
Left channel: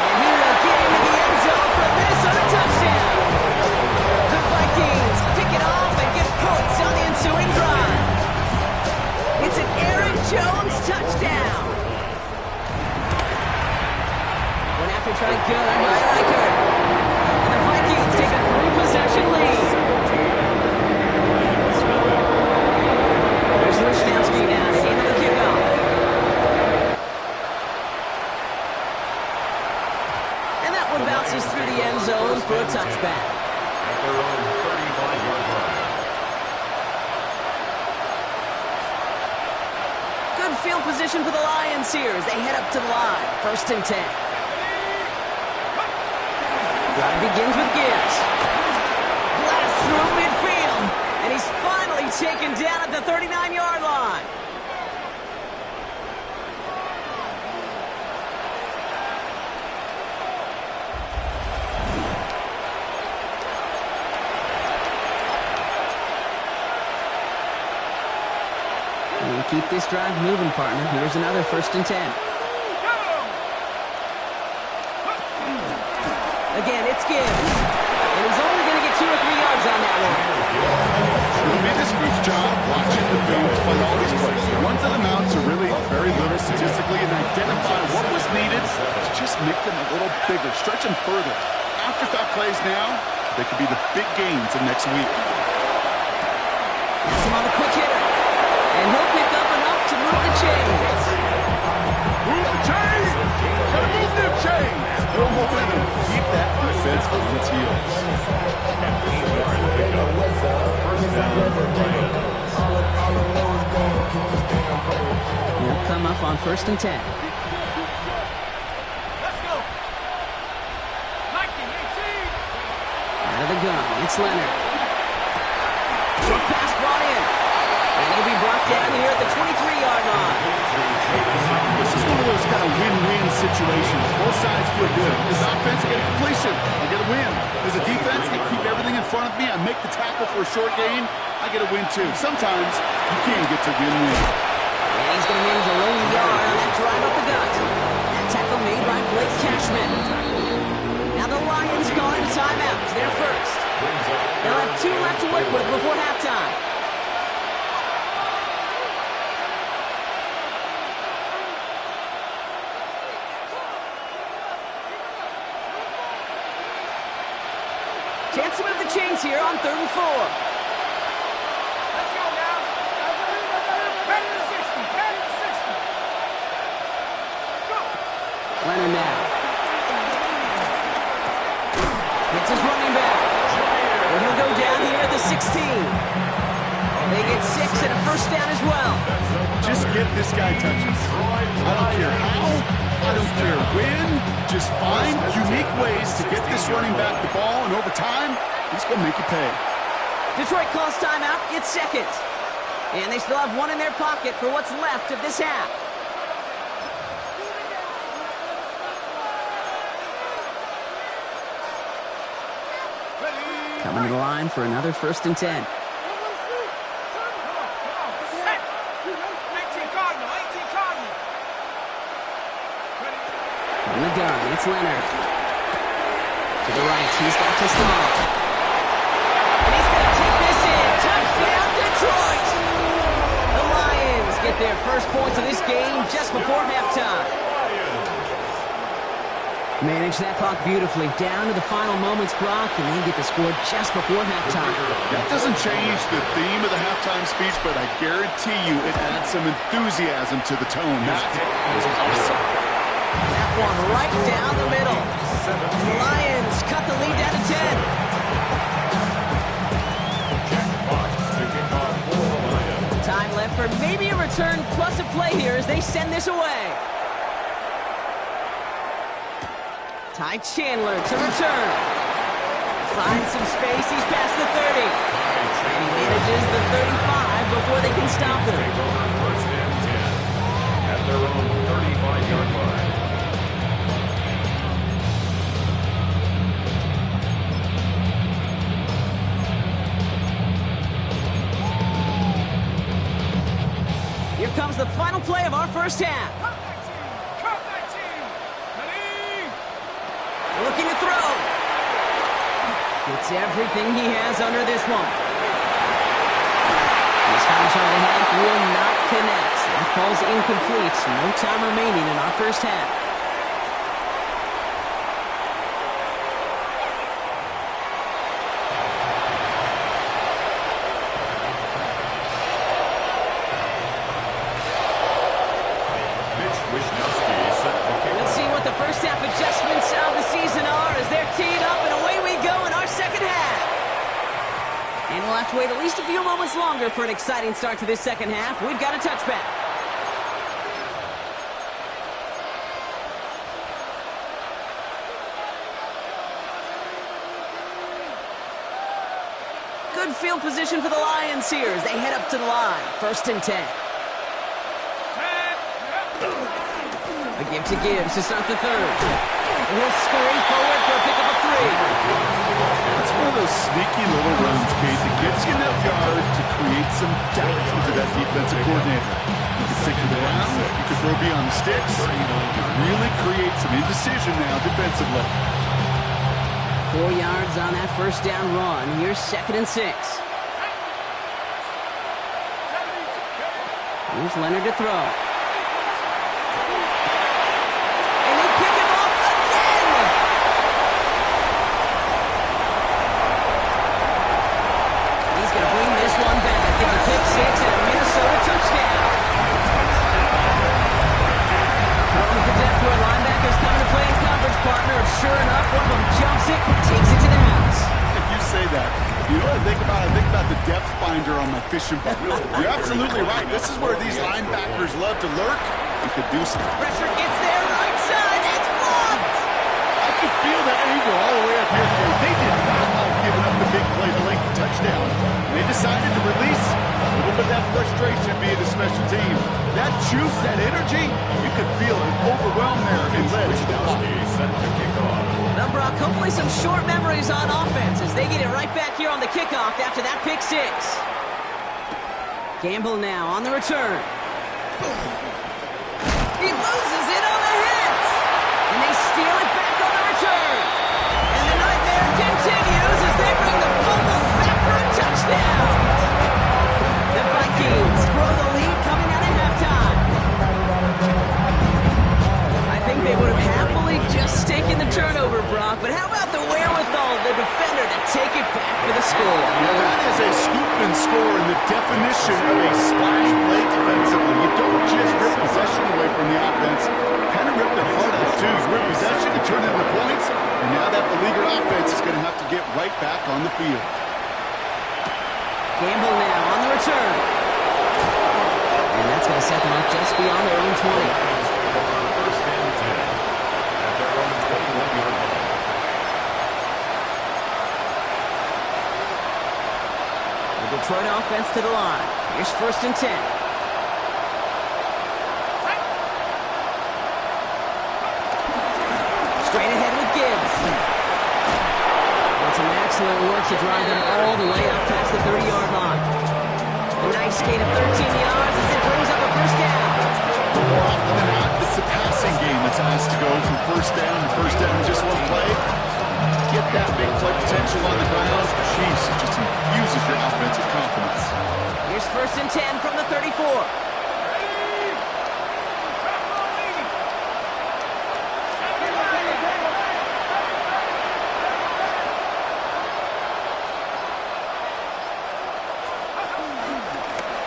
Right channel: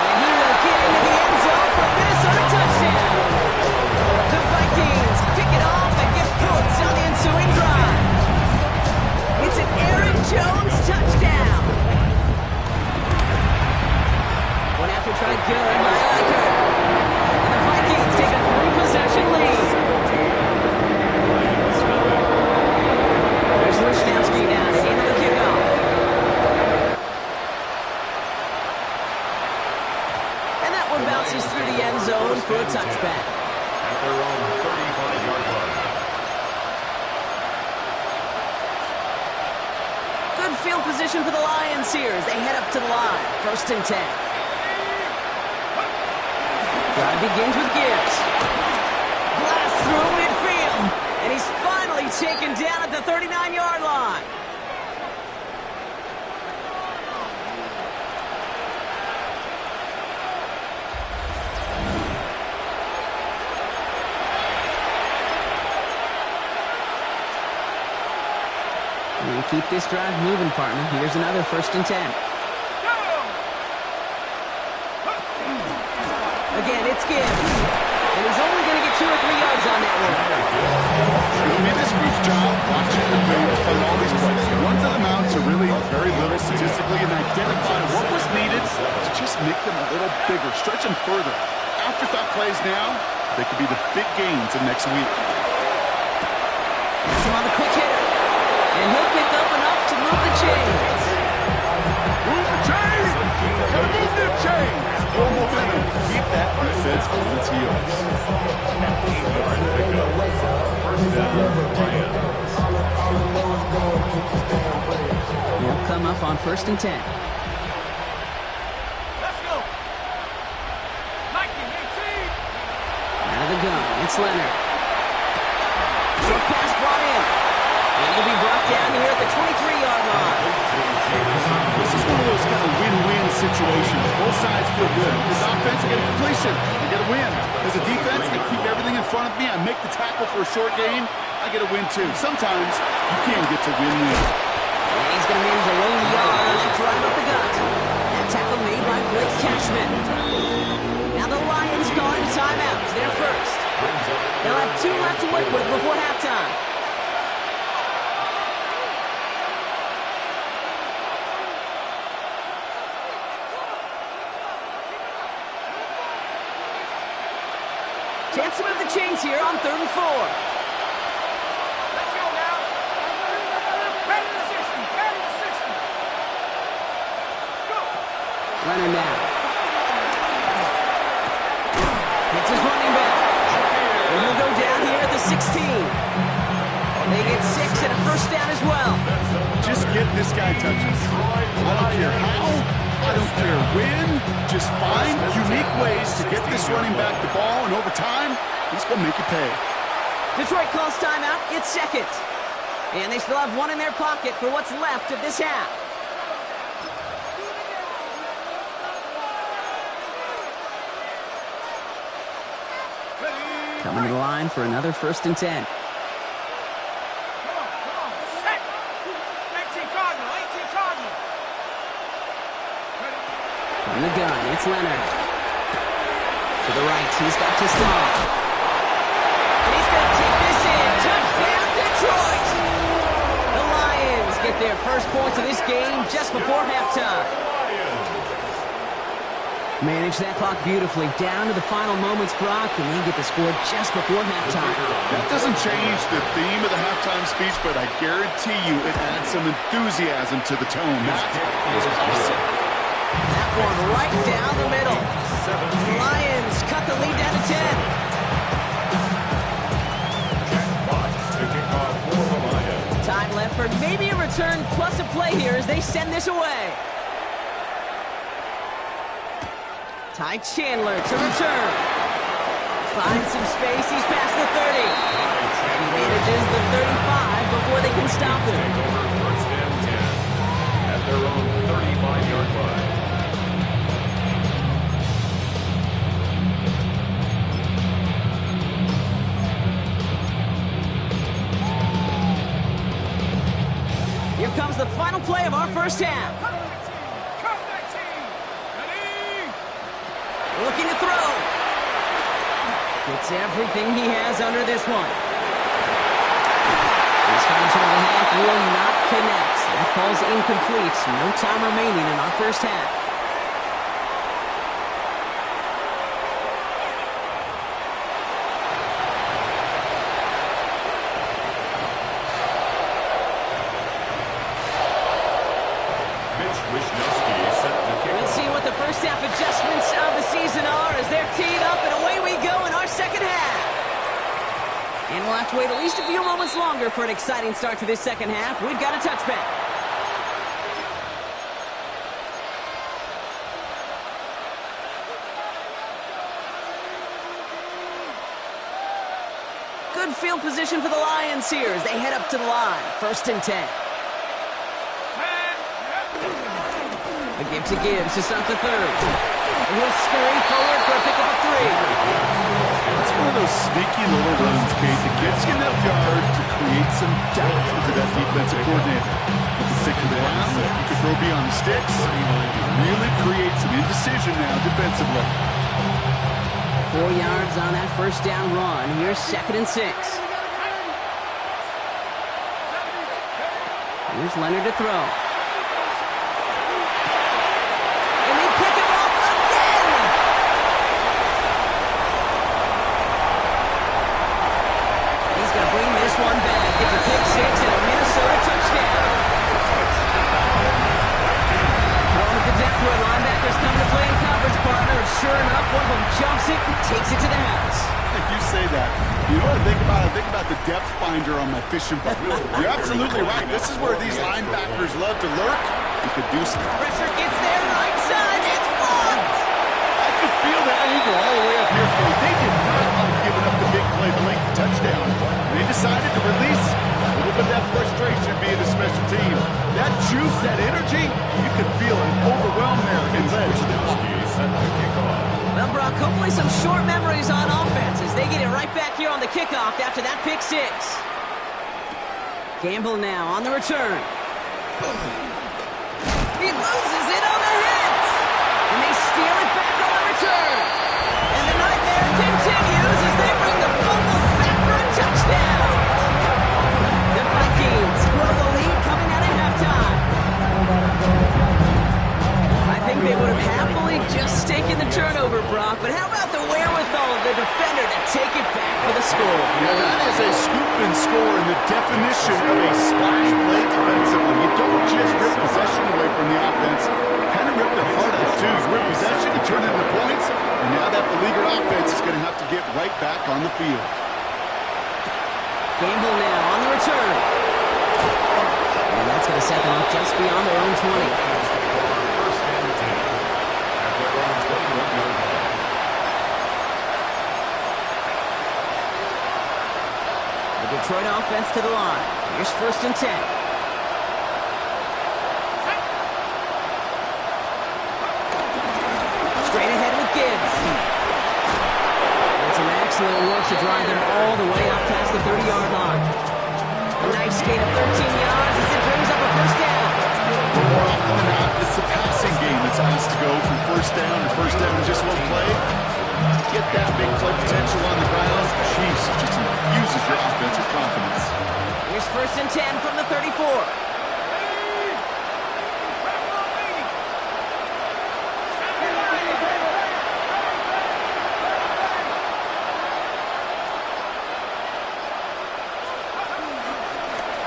And he will get into the end zone for a Minnesota touchdown. The Vikings pick it off and get points on the ensuing drive. It's an Aaron Jones touchdown. One after try good by Riker. And the Vikings take a 3-possession lead. There's Wishnowski now to handle the kickoff. And that one bounces through the end zone for a touchback. At their own 35-yard line. Good field position for the Lions here as they head up to the line. 1st and 10. Drive begins with Gibbs. Blast through midfield. And he's finally taken down at the 39-yard line. You keep this drive moving, partner. Here's another 1st and 10. Again, it's Gibbs. And he's only going to get 2 or 3 yards on that one. It'll be this group's job watching the film play all these plays. The ones that amount to really very little statistically and identify what was needed to just make them a little bigger, stretch them further. Afterthought plays now, they could be the big gains of next week. That's him on the quick hitter. And he'll pick up enough to move the chains. Move the chains! Gotta move them chains! No momentum. Keep that defense on its heels. 8-yard pickup. First down, Lions. He'll come up on 1st and 10. Let's go. 19-18. Out of the gun, it's Leonard. Short pass brought in. And he'll be brought down here at the 23-yard line. This is one of those kind of win-win situations. Both sides feel good. As offense, I get a completion. I get a win. As a defense, I keep everything in front of me. I make the tackle for a short gain. I get a win, too. Sometimes you can't get to win-win. And he's going to manage a lone yard on that drive up the gut. That tackle made by Blake Cashman. Now the Lions going to timeouts. They're first. They'll have 2 left to work with before halftime. Chance to move the chains here on 3rd and 4. Let's go now. Back to 60. Back to 60. Go. Leonard now. Hits his running back. And he'll go down here at the 16. They get 6 and a first down as well. Just get this guy touches. I don't care how. I don't care when. Just find unique ways to get this running back the ball, and over time, he's going to make you pay. Detroit calls timeout. It's 2nd. And they still have 1 in their pocket for what's left of this half. Coming to the line for another 1st and 10. Come on. Set. 18 Cardinal. 18 Cardinal. From the gun, it's Leonard. To the right, he's got to Sloan. And he's going to take this in. Touchdown, Detroit! The Lions get their first points of this game just before halftime. Manage that clock beautifully down to the final moments, Brock, and they get the score just before halftime. That doesn't change the theme of the halftime speech, but I guarantee you it adds some enthusiasm to the tone. That is awesome. That one right down the middle. The Lions cut the lead down to 10. Jack Fox to kick off for the Lions. Time left for maybe a return plus a play here as they send this away. Ty Chandler to return. Finds some space. He's past the 30. And he manages the 35 before they can stop him. Take over 1st and 10 at their own 35-yard line. Here comes the final play of our first half. Cut 19. Cut 19. Ready. Looking to throw. Gets everything he has under this one. This final shot of the half will not connect. That falls incomplete. No time remaining in our first half. We'll see what the first half adjustments of the season are as they're teed up, and away we go in our second half. And we'll have to wait at least a few moments longer for an exciting start to this second half. We've got a touchback. Good field position for the Lions here as they head up to the line. 1st and 10. A give to Gibbs to start the third. He'll scurry forward for a pickup of 3. That's one of those sneaky little runs, Kate, that gets you enough yard to create some doubt into that defensive coordinator. You can stick to the ground, you can throw beyond the sticks. You can really create some indecision now defensively. 4 yards on that first down run. Here's 2nd and 6. Here's Leonard to throw. And they pick him off again! He's going to bring this one back. It's a pick 6 and a Minnesota touchdown. Throwing at the depth where linebackers coming to play in coverage, partner. And sure enough, one of them jumps it and takes it to the house. If you say that, you know what I think about? I think about the depth finder on my fishing boat. You're absolutely right. This is where these linebackers love to lurk and could do some. Pressure gets there, right side. It's blocked! I could feel that anger all the way up here, Kate. They did not like giving up the big play, the lengthy touchdown. They decided to release a little bit of that frustration via the special teams. That juice, that energy, you could feel it overwhelm there and led to the block. Set to kick off. Well, Brock, hopefully some short memories on offense as they get it right back here on the kickoff after that pick 6. Gamble now on the return. He loses it on the hit! And they steal it back on the return. And the nightmare continues as they bring the fumble back for a touchdown. The Vikings grow the lead coming out of halftime. I think they would have happily just taken the turnover, Brock, but how about the wherewithal of the defender to take it back for the score? Yeah, that is a scoop and score in the definition of a splash play defensively. You don't just rip possession away from the offense. Kind of rip their heart out, too. You rip possession, you turn it into points, and now that beleaguered offense is going to have to get right back on the field. Gamble now on the return. And that's going to set them up just beyond their own 20. First and 10 at their own 21-yard line. The Detroit offense to the line. Here's 1st and 10. Straight ahead with Gibbs. And some excellent work to drive them all the way up past the 30-yard line. A nice gain of 13 yards as it brings up a first down. But more often than not, it's the passing game that's asked to go from first down in just one play. Get that big play potential on the ground. Jeez, it just infuses your offense with confidence. Here's 1st and 10 from the 34.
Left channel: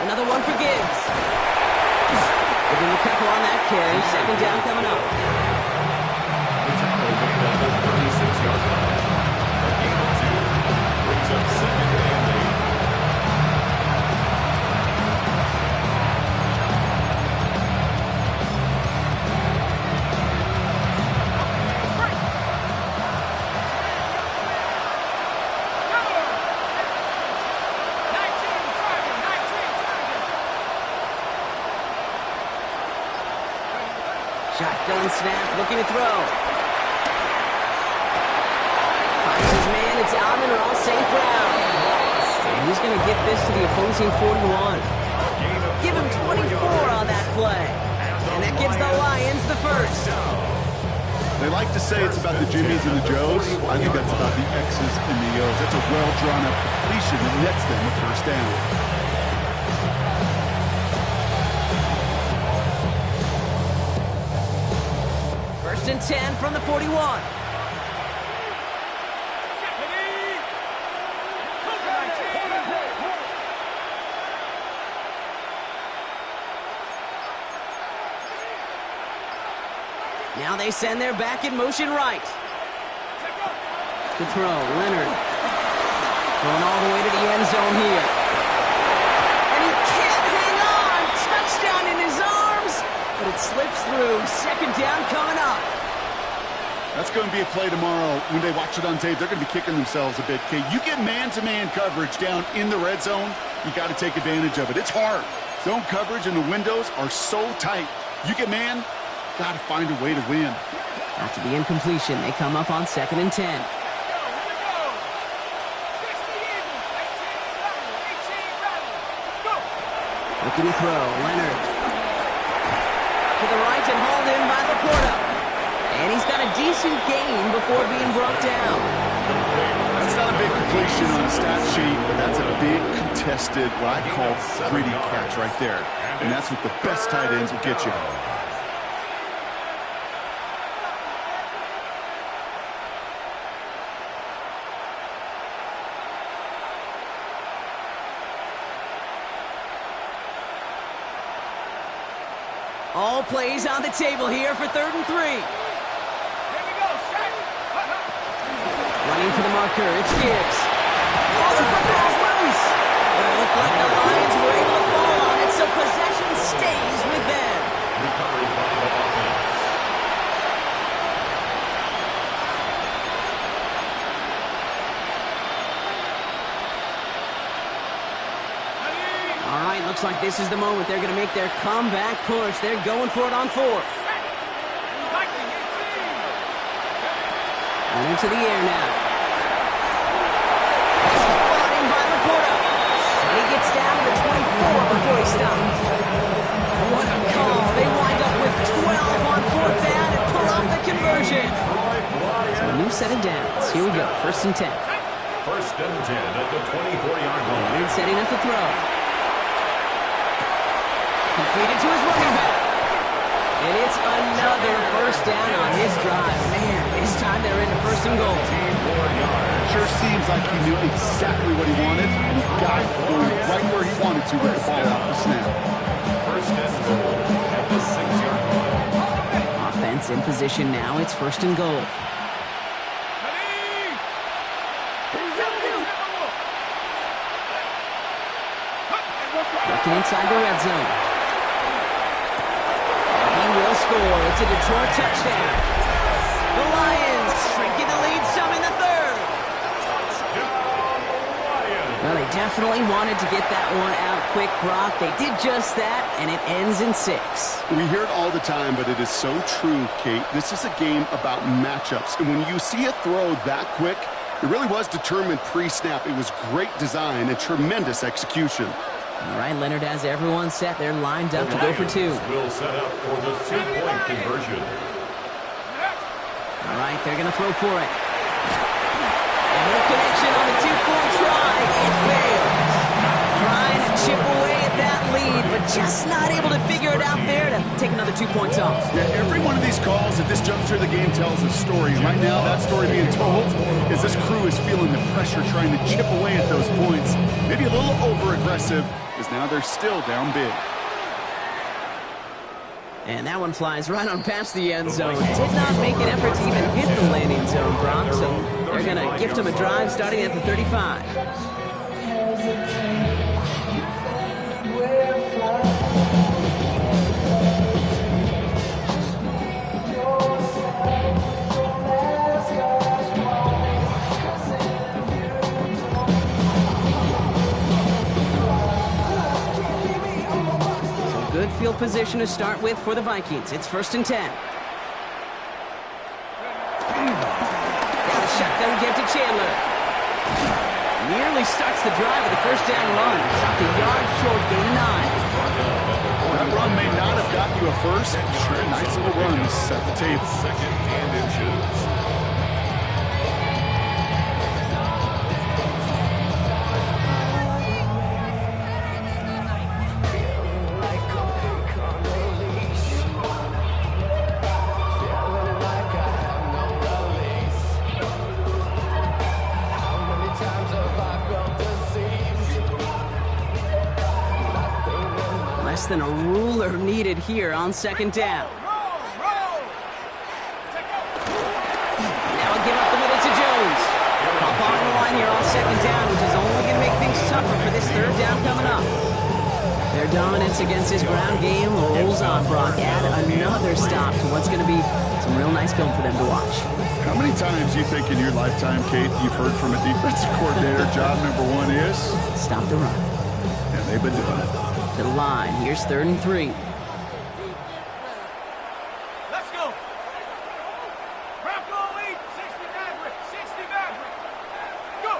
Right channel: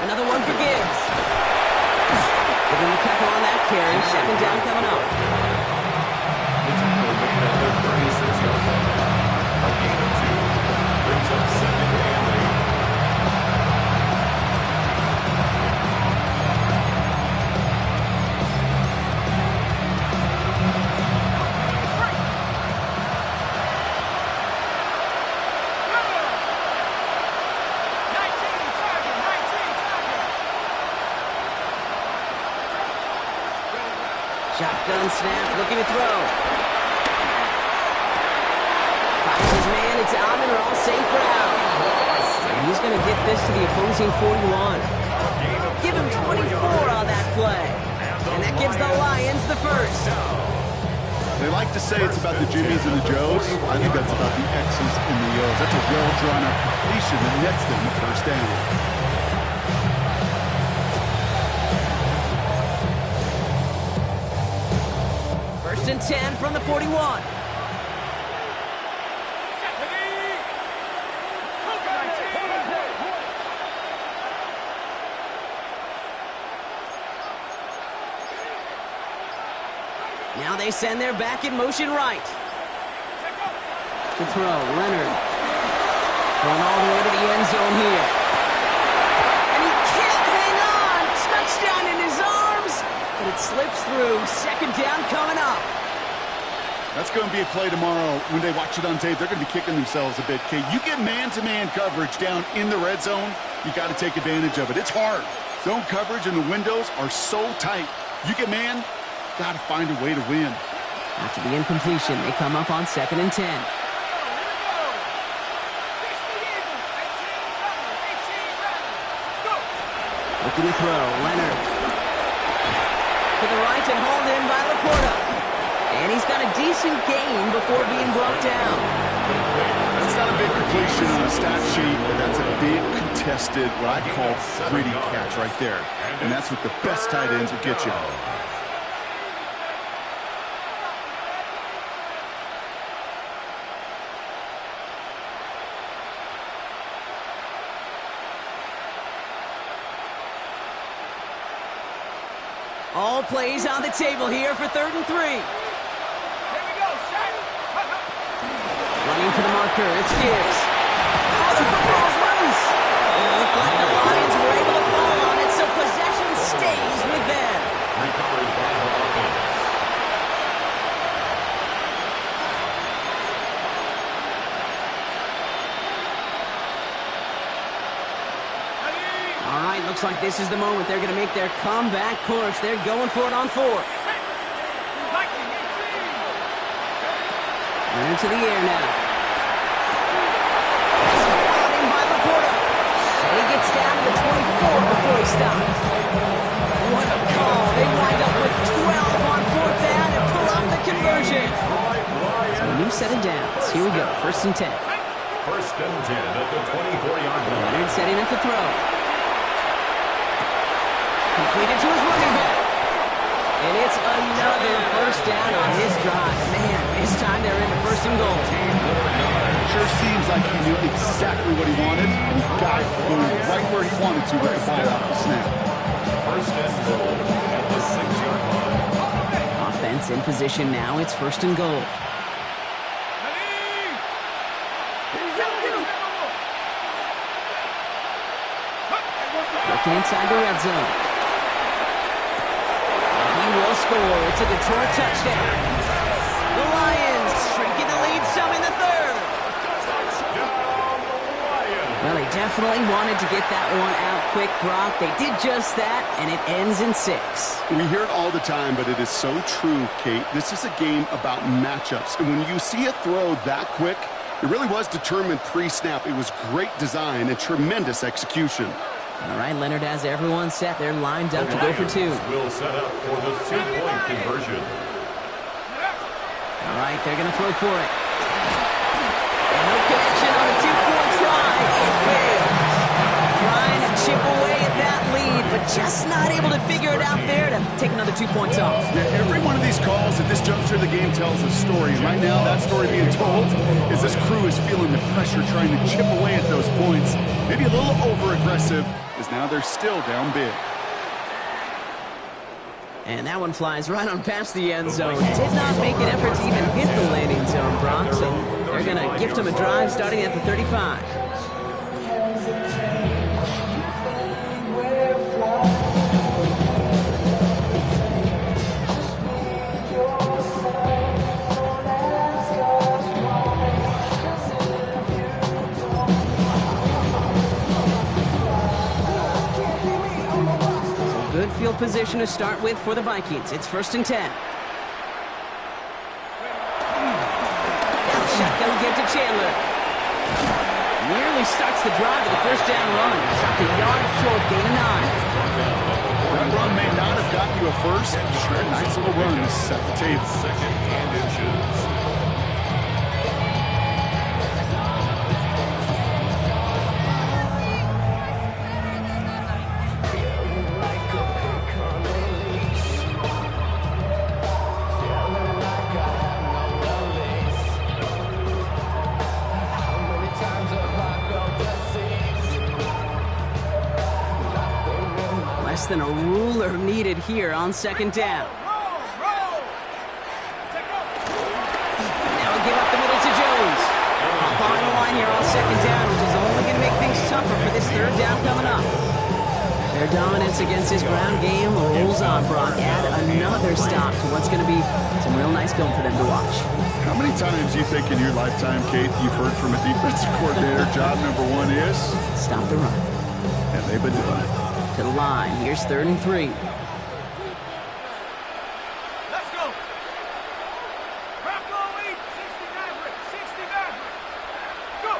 Another one for Gibbs. Giving the couple on that carry. 2nd down coming up. The tackle made at the 36-yard line. A gain of 2 brings up 2nd and 8. Shotgun snap, looking to throw. Finds his man, it's Amon-Ra St. Brown. And he's going to get this to the opposing 41. Give him 24 on that play. And that gives the Lions the first. They like to say it's about the Jimmies and the Joes. I think that's about the X's and the O's. That's a well-drawn-up completion that nets them the first down. 1st and 10 from the 41. Now they send their back in motion right. To throw, Leonard. Going all the way to the end zone here. And he can't hang on. Touchdown in his arms. But it slips through. 2nd down coming up. That's going to be a play tomorrow. When they watch it on tape, they're going to be kicking themselves a bit, Kate. You get man-to-man coverage down in the red zone, you got to take advantage of it. It's hard. Zone coverage and the windows are so tight. You get man, got to find a way to win. After the incompletion, they come up on 2nd and 10. Looking to throw, Leonard. To the right and hauled in by Laporta. And he's got a decent gain before being brought down. That's not a big completion on a stat sheet, but that's a big contested, what I call gritty catch right there. And that's what the best tight ends will get you. All plays on the table here for 3rd and 3. Here we go, Shaq. Running for the marker, it's Gibbs. Oh, the football's loose. It looked like the Lions were able to fall on it, so possession stays with them. Recovered by the offense. All right, looks like this is the moment. They're going to make their comeback push. They're going for it on 4th. Viking 18. And into the air now. This is brought in by Laporta. And he gets down to the 24 before he stops. What a call. They wind up with 12 on 4th down and pull off the conversion. So a new set of downs. Here we go, 1st and 10. 1st and 10 at the 24-yard line. Leonard setting up the throw. Completed to his running back. And it's another 1st down on his drive. Man, this time they're into 1st and goal. Sure seems like he knew exactly what he wanted, and he got it going right where he wanted to with the ball off the snap. 1st and goal at the 6-yard line. Offense in position now. It's 1st and goal. Looking inside the red zone. He will score. It's a Detroit touchdown. The Lions shrinking the lead some in the 3rd. Well, they definitely wanted to get that one out quick, Brock. They did just that, and it ends in 6. We hear it all the time, but it is so true, Kate. This is a game about matchups. And when you see a throw that quick, it really was determined pre-snap. It was great design and tremendous execution. All right, Leonard has everyone set. They're lined up to go for 2. Will set up for the 2-point conversion. All right, they're going to throw for it. And no connection on the 2-point try. It fails. Trying to chip away at that lead, but just not able to figure it out there to take another 2 points off. Yeah, every one of these calls at this juncture of the game tells a story. Right now, that story being told is this crew is feeling the pressure, trying to chip away at those points. Maybe a little over-aggressive, as now they're still down big. And that one flies right on past the end zone. Did not make an effort to even hit the landing zone, Brock. So they're going to gift him a drive starting at the 35. Good field position to start with for the Vikings. It's 1st and 10. Now the shotgun give to Chandler. Nearly starts the drive with a 1st down run. Stopped a yard short, gain of 9. That run may not have gotten you a first. Sure, a nice little run to set the table. 2nd and inches. Less than a ruler needed here on 2nd down. Now a give up the middle to Jones. Pop on the line here on 2nd down, which is only going to make things tougher for this 3rd down coming up. Their dominance against his ground game rolls on, Brock. Add another stop to what's going to be some real nice film for them to watch. How many times do you think in your lifetime, Kate, you've heard from a defensive coordinator, job number 1 is? Stop the run. And they've been doing it. To the line. Here's 3rd and 3. Let's go. Bronco 8, 60 Maverick, 60 Maverick. Go.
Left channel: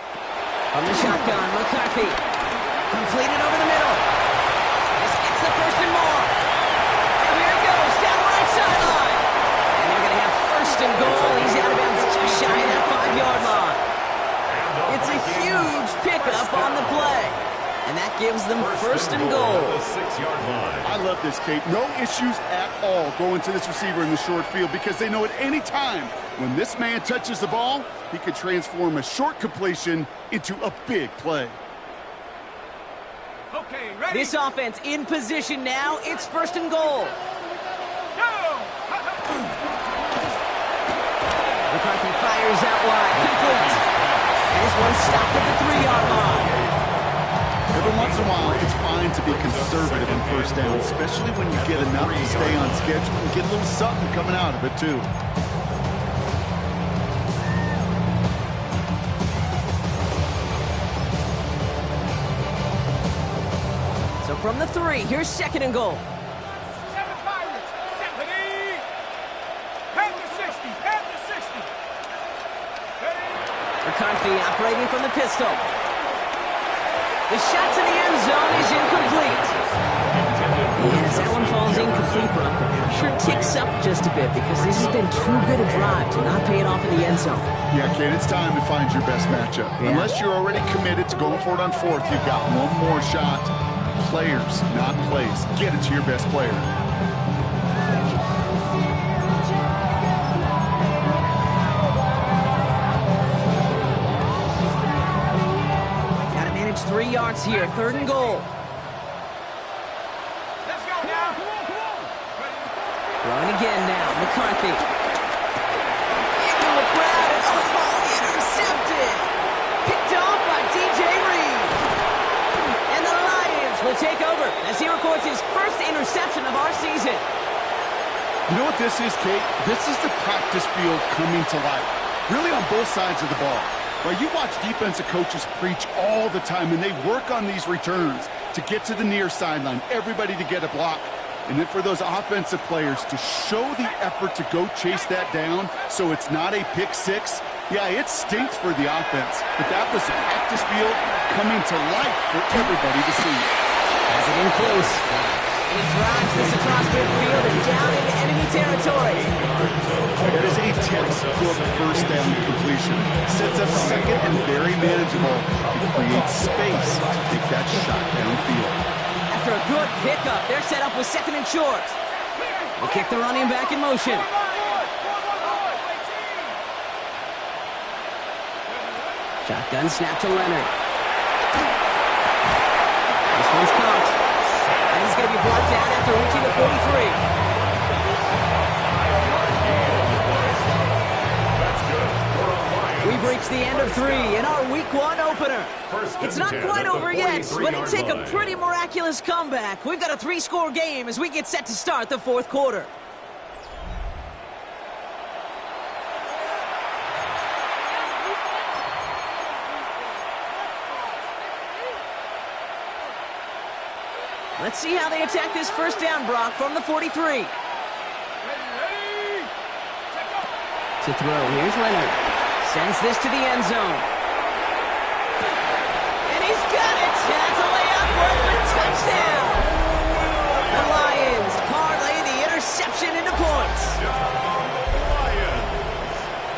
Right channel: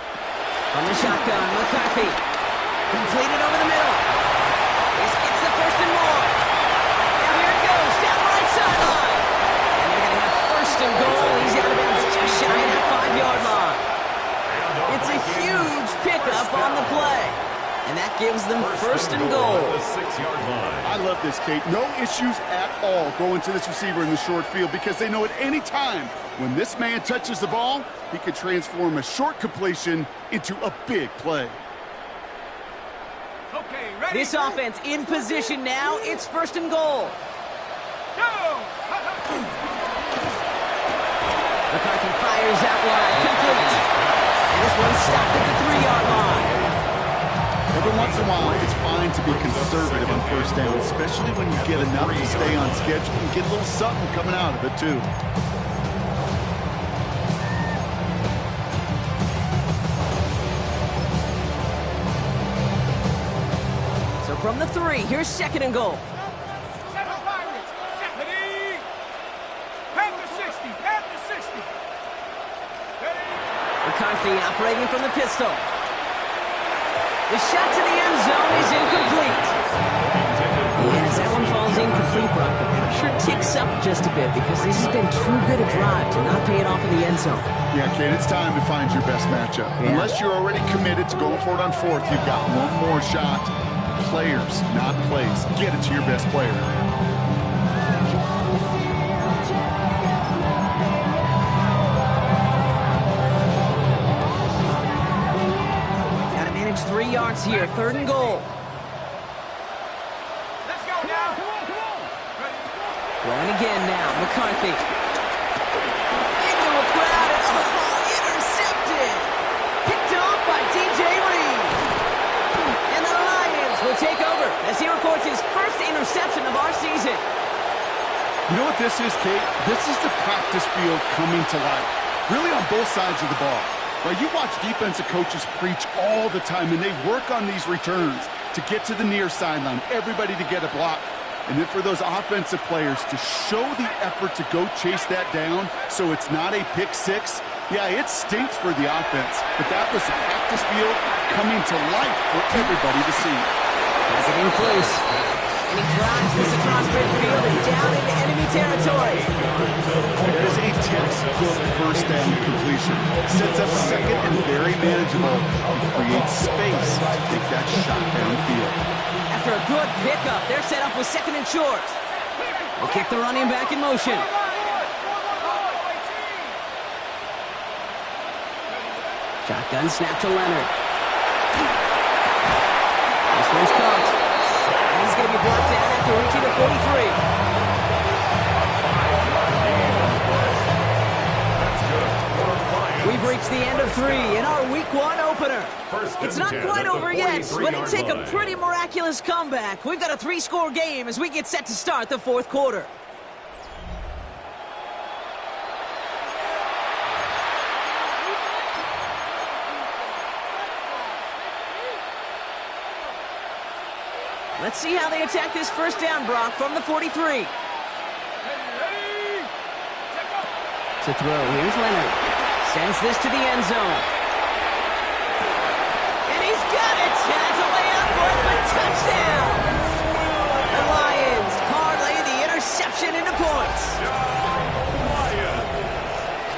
From the shotgun, McCarthy. Completed over the middle. This gets the 1st and more. Now here it goes, down the right sideline. And they're going to have 1st and goal. He's out of bounds just shy of that 5-yard line. And that gives them first and goal. At the 6-yard line. I love this, Kate. No issues at all going to this receiver in the short field because they know at any time when this man touches the ball, he could transform a short completion into a big play. Okay, ready? This offense in position now. It's first and goal. Go! McCarthy fires out wide, complete. And this one's stopped at the 3-yard line. Every once in a while, it's fine to be conservative on first down, especially when you get enough to stay on schedule and get a little something coming out of it, too. So from the 3, here's second and goal. 7 Pirates. Ready? Panther 60. Panther 60. Ready? McCarthy operating from the pistol. The shot to the end zone is incomplete. And as that one falls incomplete, Brock, the pressure ticks up just a bit because this has been too good a drive to not pay it off in the end zone. Yeah, Kate, it's time to find your best matchup. Yeah. Unless you're already committed to going for it on fourth, you've got one more shot. Players, not plays. Get it to your best player. Got to manage 3 yards here. Third and goal. Let's go now. Throwing again now. McCarthy. Into a crowd and intercepted. Picked off by DJ Reed. And the Lions will take over as he records his first interception of our season. You know what this is, Kate? This is the practice field coming to life. Really on both sides of the ball. Right? You watch defensive coaches preach all the time, and they work on these returns to get to the near sideline, everybody to get a block. And then for those offensive players to show the effort to go chase that down so it's not a pick six. Yeah, it stinks for the offense, but that was the practice field coming to life for everybody to see. Has it in close. And he drives this across midfield and down into enemy territory. That is a textbook first down completion. Sets up second and very manageable. It creates space to take that shot downfield. After a good pickup, they're set up with second and short. We'll kick the running back in motion. Shotgun snap to Leonard. This one's caught. And he's going to be brought down after reaching the 43. We've reached the end of 3 in our Week 1 opener. It's not quite over yet, but it'd take a pretty miraculous comeback. We've got a 3-score game as we get set to start the 4th quarter. Let's see how they attack this first down, Brock, from the 43. To throw, here's Leonard. Sends this to the end zone. And he's got it! That's a layup for a touchdown! The Lions parlay the interception into points.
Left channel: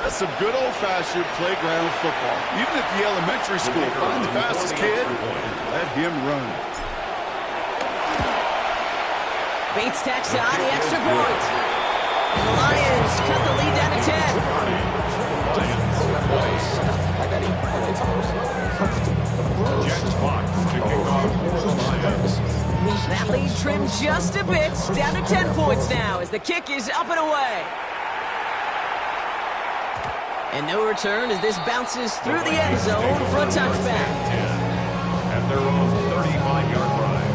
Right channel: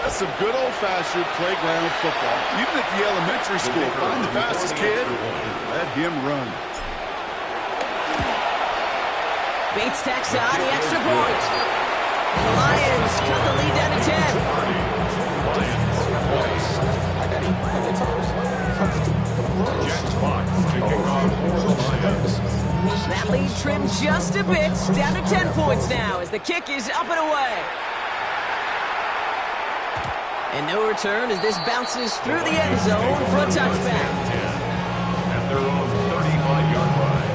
That's some good old-fashioned playground football. Even at the elementary school, find the fastest kid, let him run. Bates tacks on the extra point. And the Lions cut the lead down to 10. Jack Fox to kick off for the Lions. That lead trimmed just a bit, down to 10 points now as the kick is up and away. And no return as this bounces through the end zone for a touchback. At their own 35-yard line.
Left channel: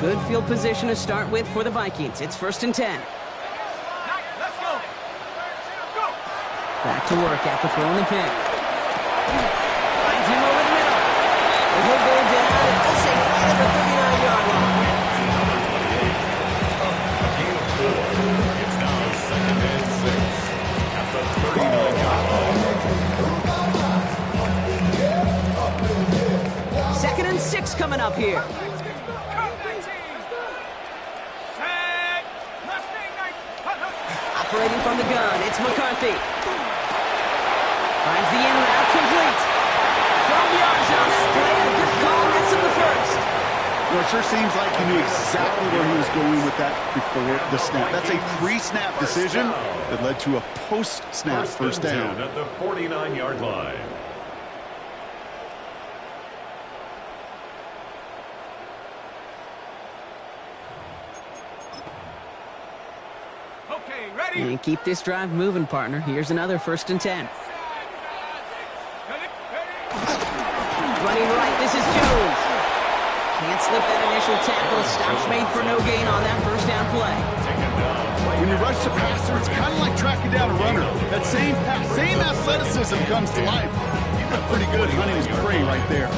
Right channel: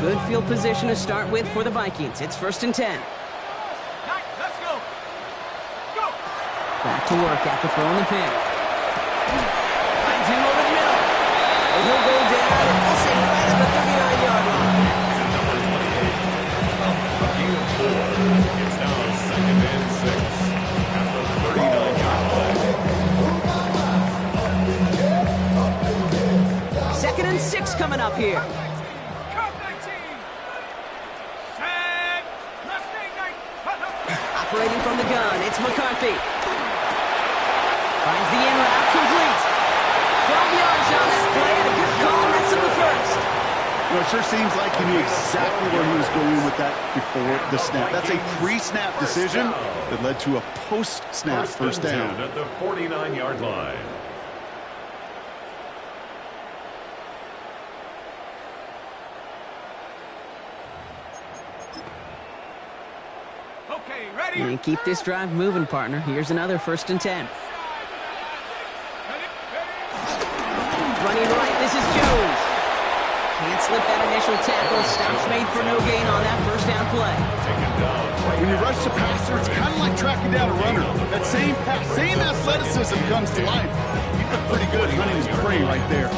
Good field position to start with for the Vikings. It's 1st and 10. Let's go. Go. Back to work after throwing the pick. Finds him over the middle. And he'll go down and we'll say right at the 39-yard line. Number 28. A gain of 4. It's now 2nd and 6 at the 39-yard line. coming up here. Come 19. Set. Mustang 9. Operating from the gun, it's McCarthy. Finds the in route complete. 12 yards on that play, and a good call, and that's in the first. You know, it sure seems like he knew exactly where he was going with that before the snap. That's a pre-snap decision that led to a post-snap first down. At the 49-yard line. Okay, ready? And keep this drive moving, partner. Here's another 1st and 10. Running right, this is Jones. Can't slip that initial tackle. Stops made for no gain on that first down play. When you rush the passer, it's kind of like tracking down a runner. That same pass, same athleticism comes to life. He looked pretty good hunting his prey right there.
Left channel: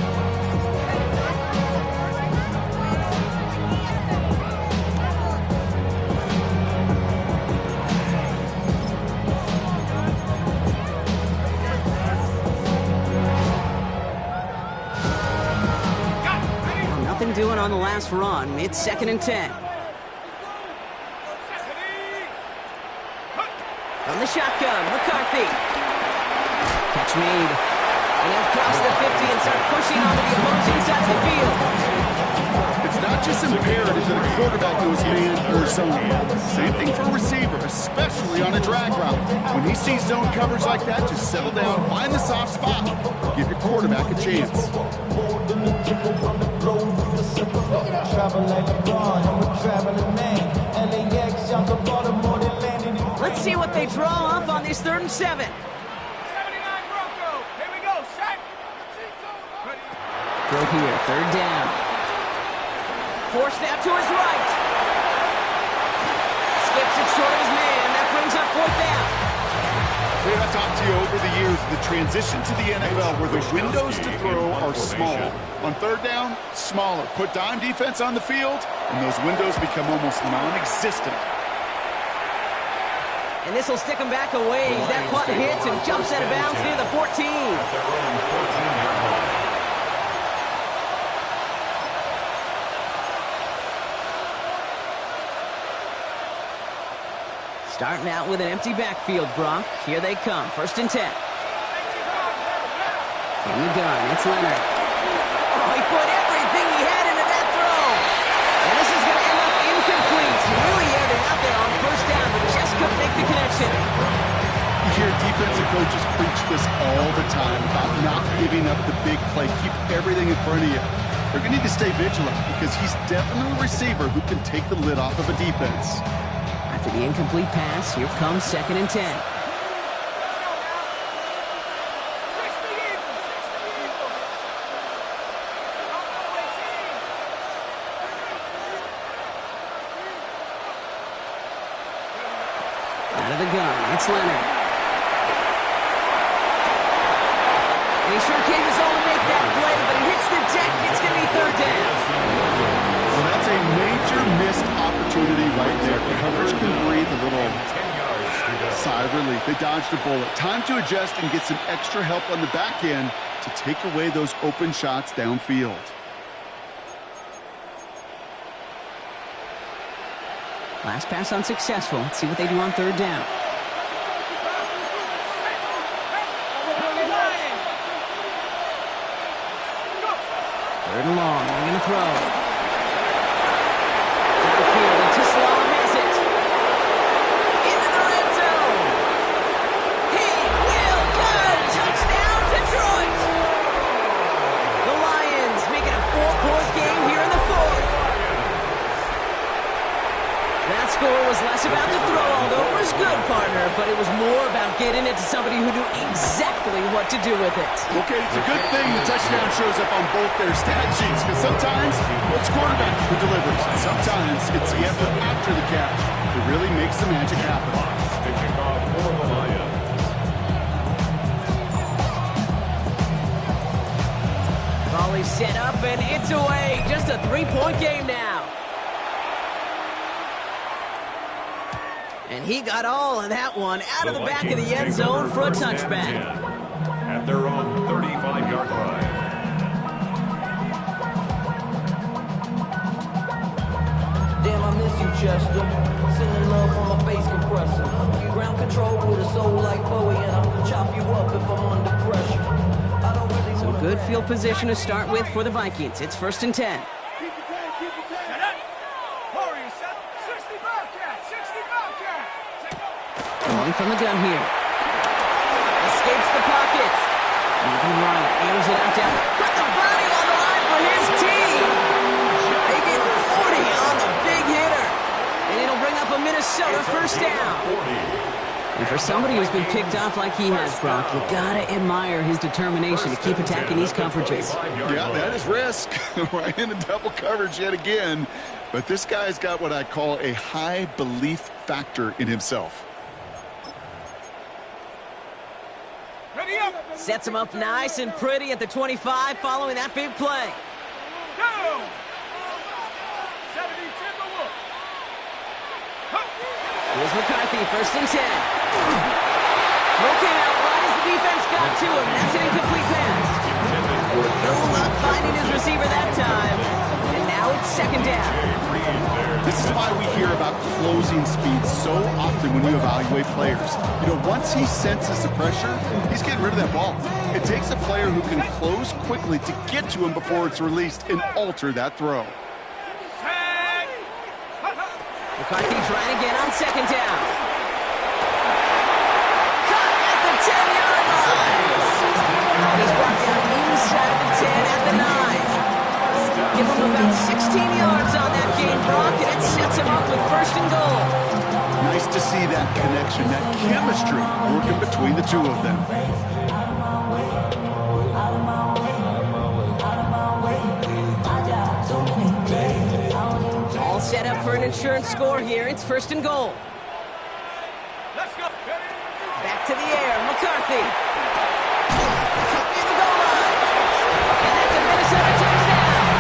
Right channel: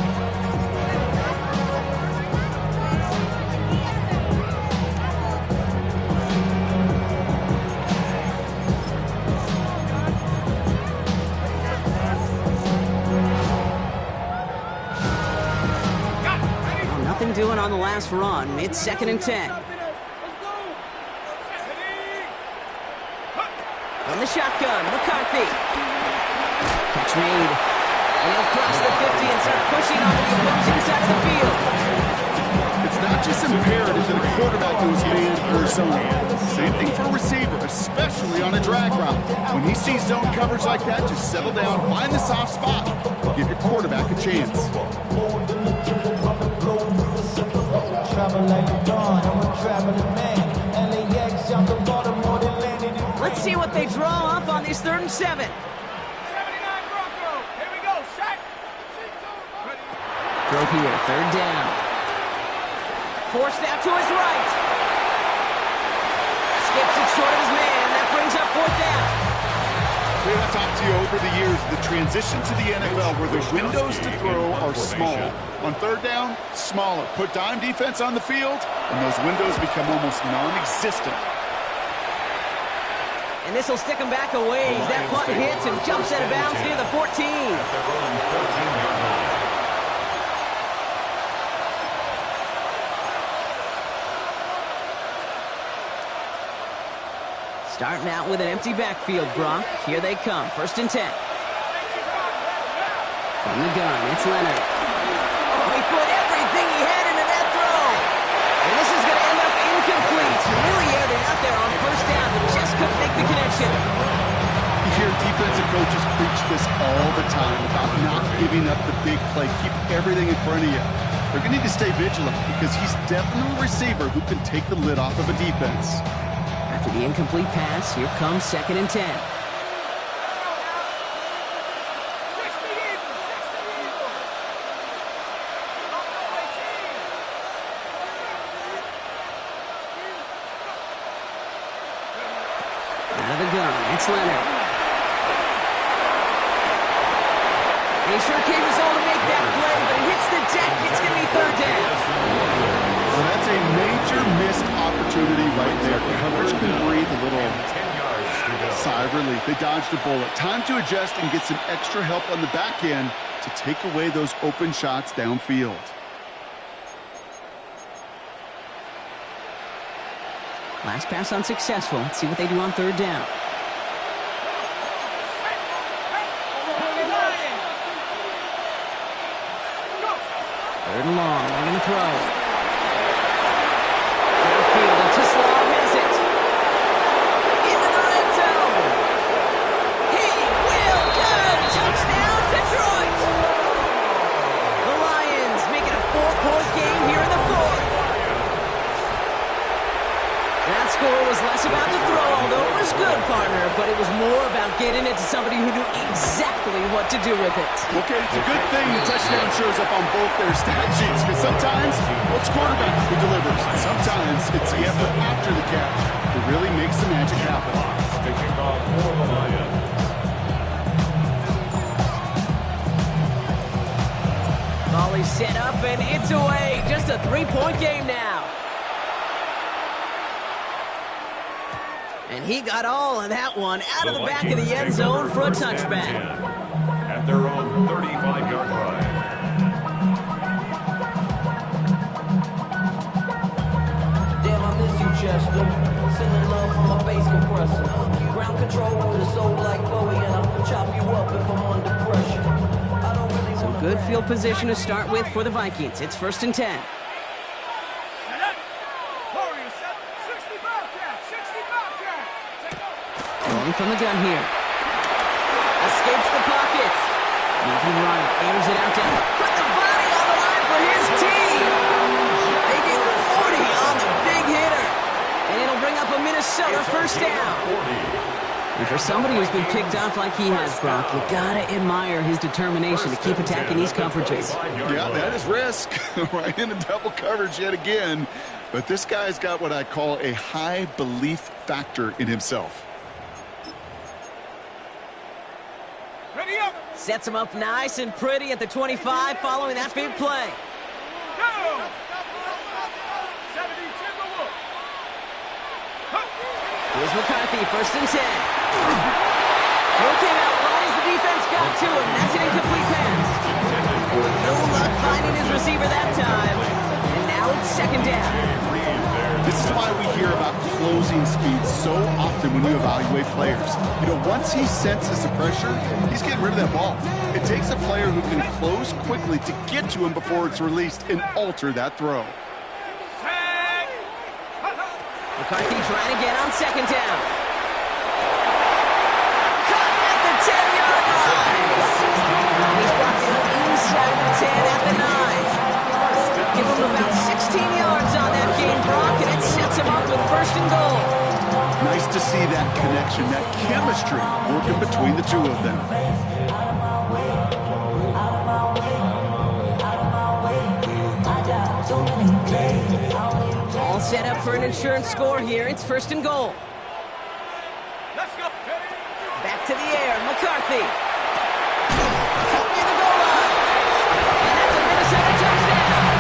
Nothing doing on the last run. It's 2nd and 10. From the shotgun, McCarthy. Catch made. And he'll cross the 50 and start pushing onto the opposing side of the field. It's not just imperative that a quarterback knows man or zone. Same thing for a receiver, especially on a drag route. When he sees zone coverage like that, just settle down, find the soft spot, give your quarterback a chance. Let's see what they draw up on this 3rd and 7. 79 Bronco. Here we go. Set. Throw here, 3rd down. Forced out to his right. Skips it short of his man. That brings up 4th down. I've talked to you over the years, the transition to the NFL where the windows to throw are small. On 3rd down, smaller. Put dime defense on the field, and those windows become almost non-existent. And this will stick him back a ways. That punt hits and jumps out of bounds near the 14. At their own 14-yard line. Starting out with an empty backfield, Brock. Here they come. 1st and 10. From the gun, it's Leonard. Oh, he put everything he had into that throw. And this is going to end up incomplete. He really aired it out there on 1st down, but just couldn't make the connection. You hear defensive coaches preach this all the time about not giving up the big play. Keep everything in front of you. They're going to need to stay vigilant because he's definitely a receiver who can take the lid off of a defense. After the incomplete pass, here comes 2nd and 10. Out of the gun, it's Leonard. And he sure came his own to make that play, but it hits the deck. It's going to be 3rd down. Well, that's a major missed opportunity right there. Coverage can breathe a little sigh of relief. They dodged a bullet. Time to adjust and get some extra help on the back end to take away those open shots downfield. Last pass unsuccessful. Let's see what they do on 3rd down. 3rd and long. They're going to throw. Downfield, and Tislav has it. Into the red zone. He will go. Touchdown, Detroit. The Lions make it a 4-point game here in the 4th. That score was less about the throw, although it was good, partner, but it was more about getting it to somebody who knew exactly what to do with it. Okay, it's a good thing the touchdown shows up on both their stat sheets, because sometimes it's quarterback who delivers. Sometimes it's the effort after the catch that really makes the magic happen. To kick off for the Lions. Volley set up, and it's away. Just a 3-point game now. And he got all of that one out of the back of the end zone for a touchback. At their own 35-yard line. chest them. Sending love from my bass compressor. Ground control with a soul like Bowie, and I'll chop you up if I'm under pressure. I don't really So wanna good brag. field position to start with for the Vikings. It's 1st and 10. Set up. Warriors set. 60 Bobcat. 60 Bobcat. Take over. Going from the gun here. Escapes the pocket. Moving right. Airs it out down. Put the body on the line for his team. They get 40 on the big hitter. And it'll bring up a Minnesota first down. And for somebody who's been picked off like he has, Brock, you gotta admire his determination to keep attacking these coverages. Yeah, that is risk. Right into double coverage yet again. But this guy's got what I call a high belief factor in himself. Ready up. Sets him up nice and pretty at the 25 following that big play. Go. 70 Timberwolf. Here's McCarthy, 1st and 10. Throw came out wide as the defense got to him. That's an incomplete pass. No luck finding his receiver that time. And now it's 2nd down. This is why we hear about closing speed so often when you evaluate players. You know, once he senses the pressure, he's getting rid of that ball. It takes a player who can close quickly to get to him before it's released and alter that throw. McCarthy trying again on 2nd down. Caught at the 10-yard line. And he's brought down inside the 10 at the 9. Give him about 16 yards on that game, Brock, and it sets him up with 1st and goal. Nice to see that connection, that chemistry working between the two of them. All set up for an insurance score here. It's 1st and goal. Let's go. Back to the air, McCarthy. Cut near the goal line. And that's a Minnesota touchdown.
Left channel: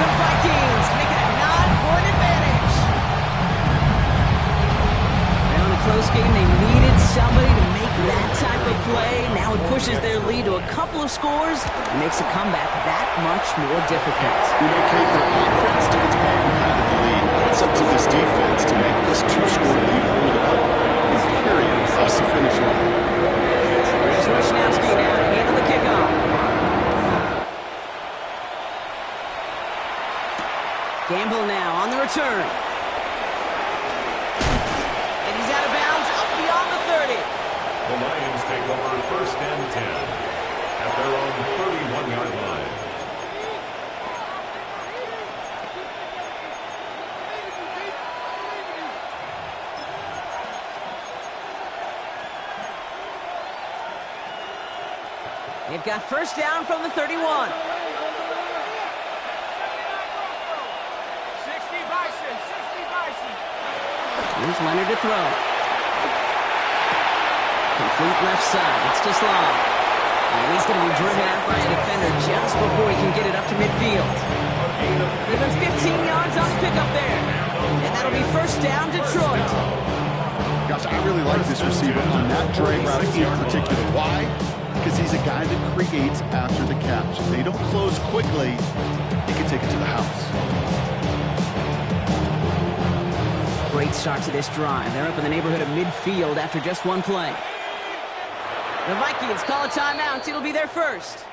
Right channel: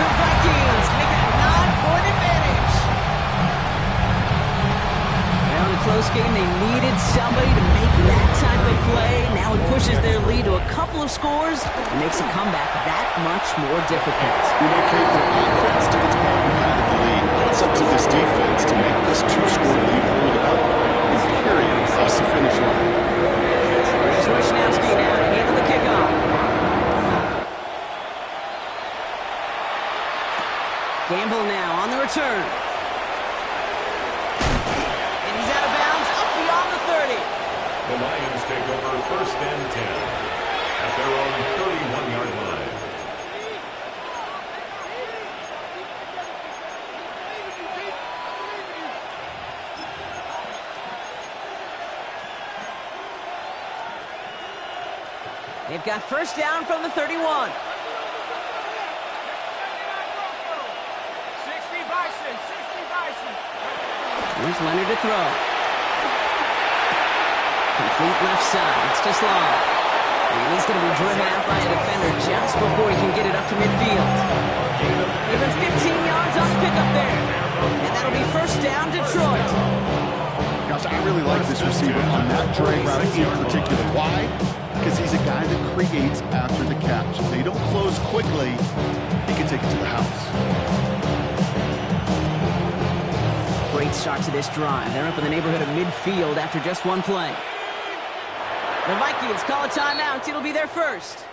The Vikings make it a 9-point advantage. Well, in a close game, they needed somebody to make that type of play. Now it pushes their lead to a couple of scores and makes a comeback that much more difficult. You know, Kate, the offense to its part behind the lead. It's up to this defense to make this 2-score lead hold up. Period. Across the finish line. Here's Wishnowski now to handle the kickoff. Gamble now on the return. And he's out of bounds up beyond the 30. The Lions take over 1st and 10 at their own 31-yard line. They've got 1st down from the 31. 60 Bison. 60 Bison. Here's Leonard to throw. Complete left side. It's to Slav. And he's going to be driven out by a defender just before he can get it up to midfield. Give him 15 yards on the pickup there. And that'll be 1st down, Detroit. Gosh, I really like this receiver on that drag route in particular. Why? Because he's a guy that creates after the catch. If they don't close quickly, he can take it to the house. Great start to this drive. They're up in the neighborhood of midfield after just one play. The Vikings call a timeout. It'll be their first.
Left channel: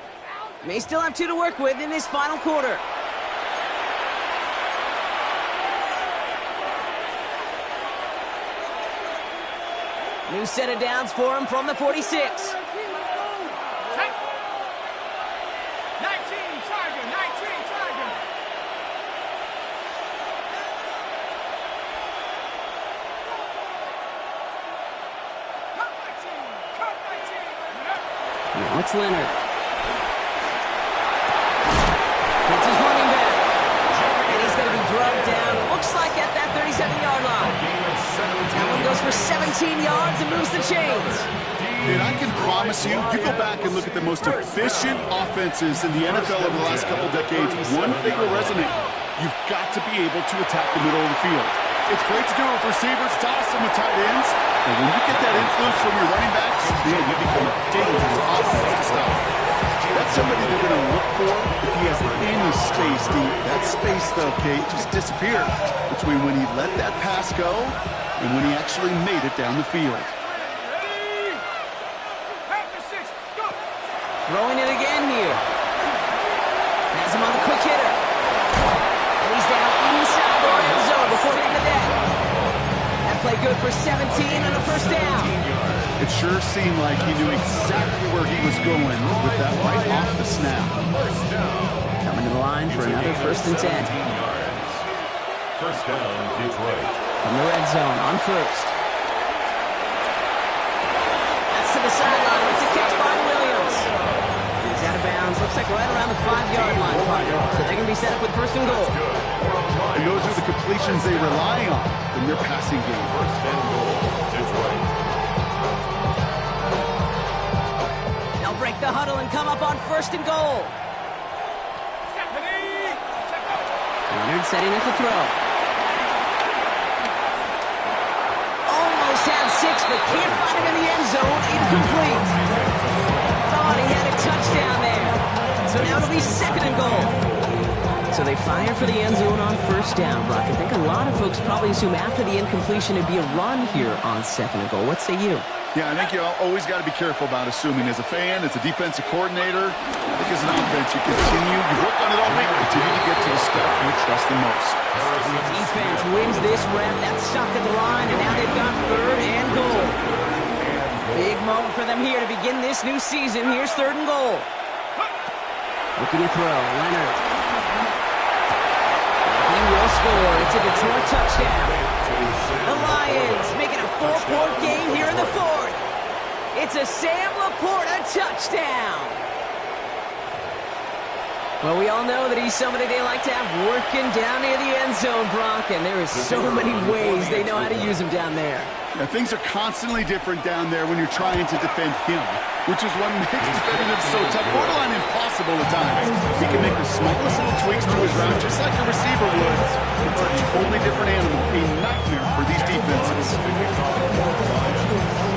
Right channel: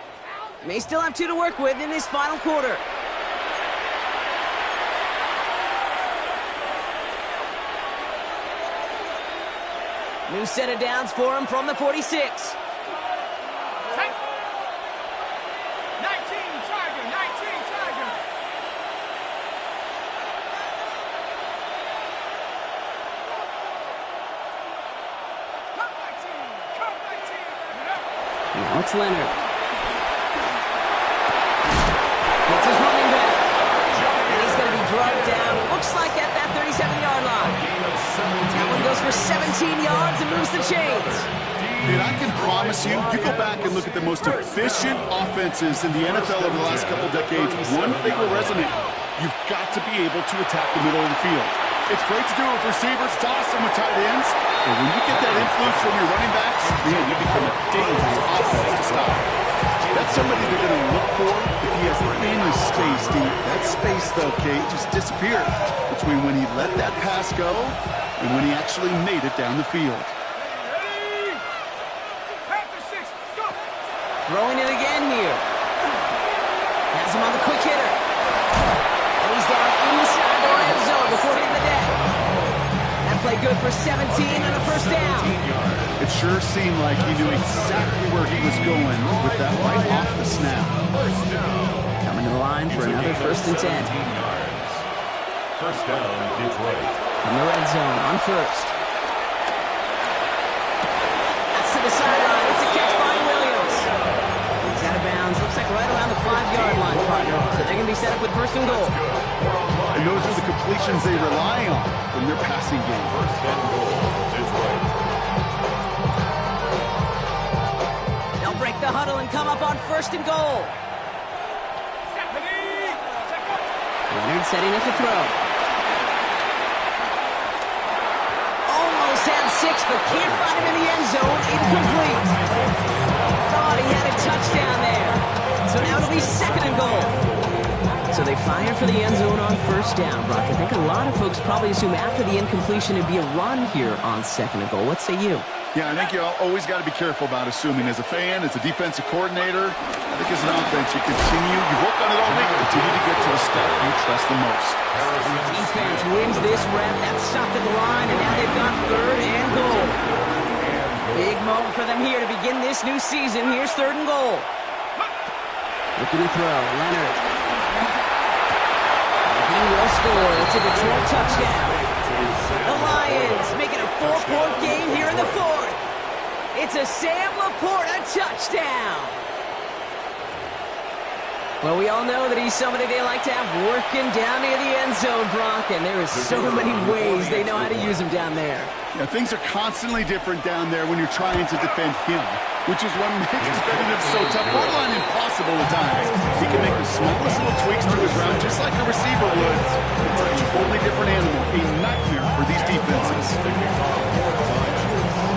May still have 2 to work with in this final quarter. New set of downs for him from the 46. 19 Tiger. 19 Tiger. Cut my team. Cut my team. Now it's Leonard. It's his running back. And he's going to be drugged down. Looks like at that 37-yard line. That one goes for 17 yards and moves the chains. And I can promise you, you go back and look at the most efficient offenses in the NFL over the last couple decades, one thing will resonate. You've got to be able to attack the middle of the field. It's great to do it with receivers, it's awesome with tight ends, but when you get that influence from your running backs, man, you become a dangerous offense to stop. That's somebody they're going to look for if he has any space deep. That space, though, Kate, just disappeared between when he let that pass go and when he actually made it down the field. Ready? After 6, go! Throwing it again here. Has him on the quick hitter. And he's down inside the red zone before hitting the deck. That play good for 17 and a first down. It sure seemed like he knew exactly where he was going with that right off the snap. Coming to the line for another first and 10. First down, Detroit. From the red zone on first. That's to the sideline. It's a catch by Williams. He's out of bounds. Looks like right around the 5-yard line, partner. So they're going to be set up with first and goal. And those are the completions they rely on in their passing game. First and goal, Detroit. They'll break the huddle and come up on first and goal. Stephanie! Check up! Leonard setting up to throw. Almost had 6, but can't find him in the end zone. Incomplete. Thought he had a touchdown there. So now it'll be second and goal. So they fire for the end zone on first down, Brock. I think a lot of folks probably assume after the incompletion it'd be a run here on second and goal. What say you? Yeah, I think you always got to be careful about assuming. As a fan, as a defensive coordinator, I think as an offense, you work on it all week, continue to get to the stuff you trust the most. And the defense wins this rep. That's stopped at the line, and now they've got third and goal. Big moment for them here to begin this new season. Here's third and goal. Looking to throw, Leonard. And he will score. It's a Detroit touchdown. The Lions making a 4-point game here in the fourth. It's a Sam Laporta touchdown. Well, we all know that he's somebody they like to have working down near the end zone, Brock, and there is so many ways they know how to use him down there. Yeah, things are constantly different down there when you're trying to defend him, which is what makes defending him so tough, borderline impossible at times. He can make the smallest little tweaks to his route just like a receiver would. It's a totally different animal, a nightmare for these defenses.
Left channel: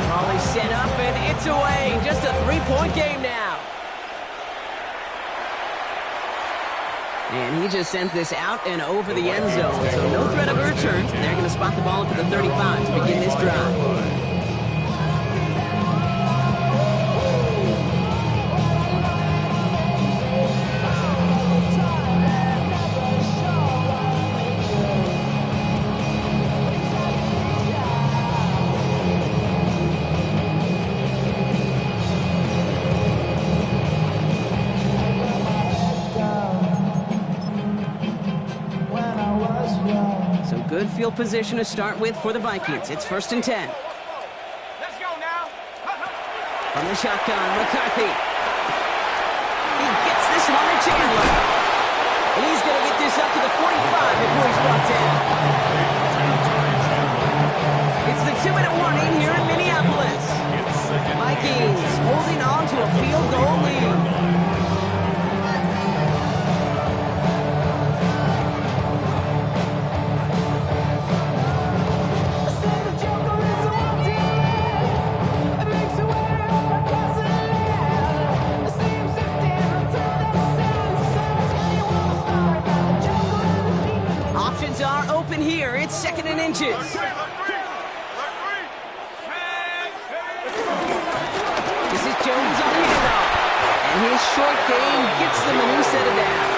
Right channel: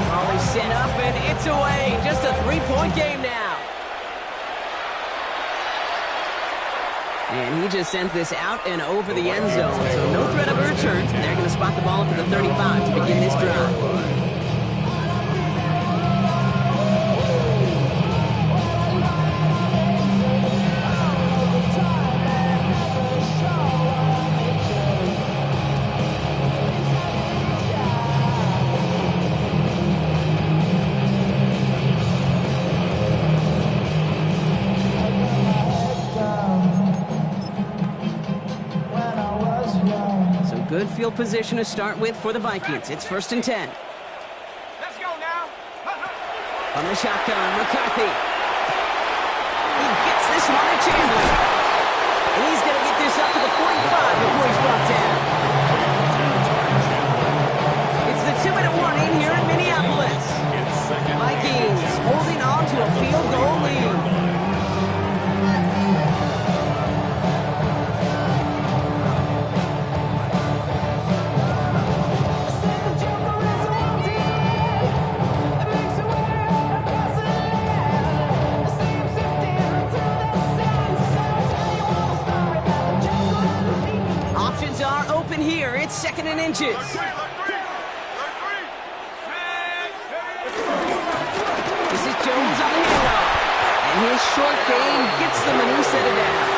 Molly set up, and it's away. Just a 3-point game now. And he just sends this out and over the end zone, so no threat of a return. They're going to spot the ball up at the 35 to begin this drive. Good field position to start with for the Vikings. It's first and 10. Let's go now. On the shotgun, McCarthy. He gets this one to Chandler. And he's going to get this up to the 45 before he's brought down. It's the 2-minute warning here in Minneapolis. Vikings holding on to a field goal lead. Are open here. It's second and inches. This is Jones on the handoff. And his short game gets them a new set of downs.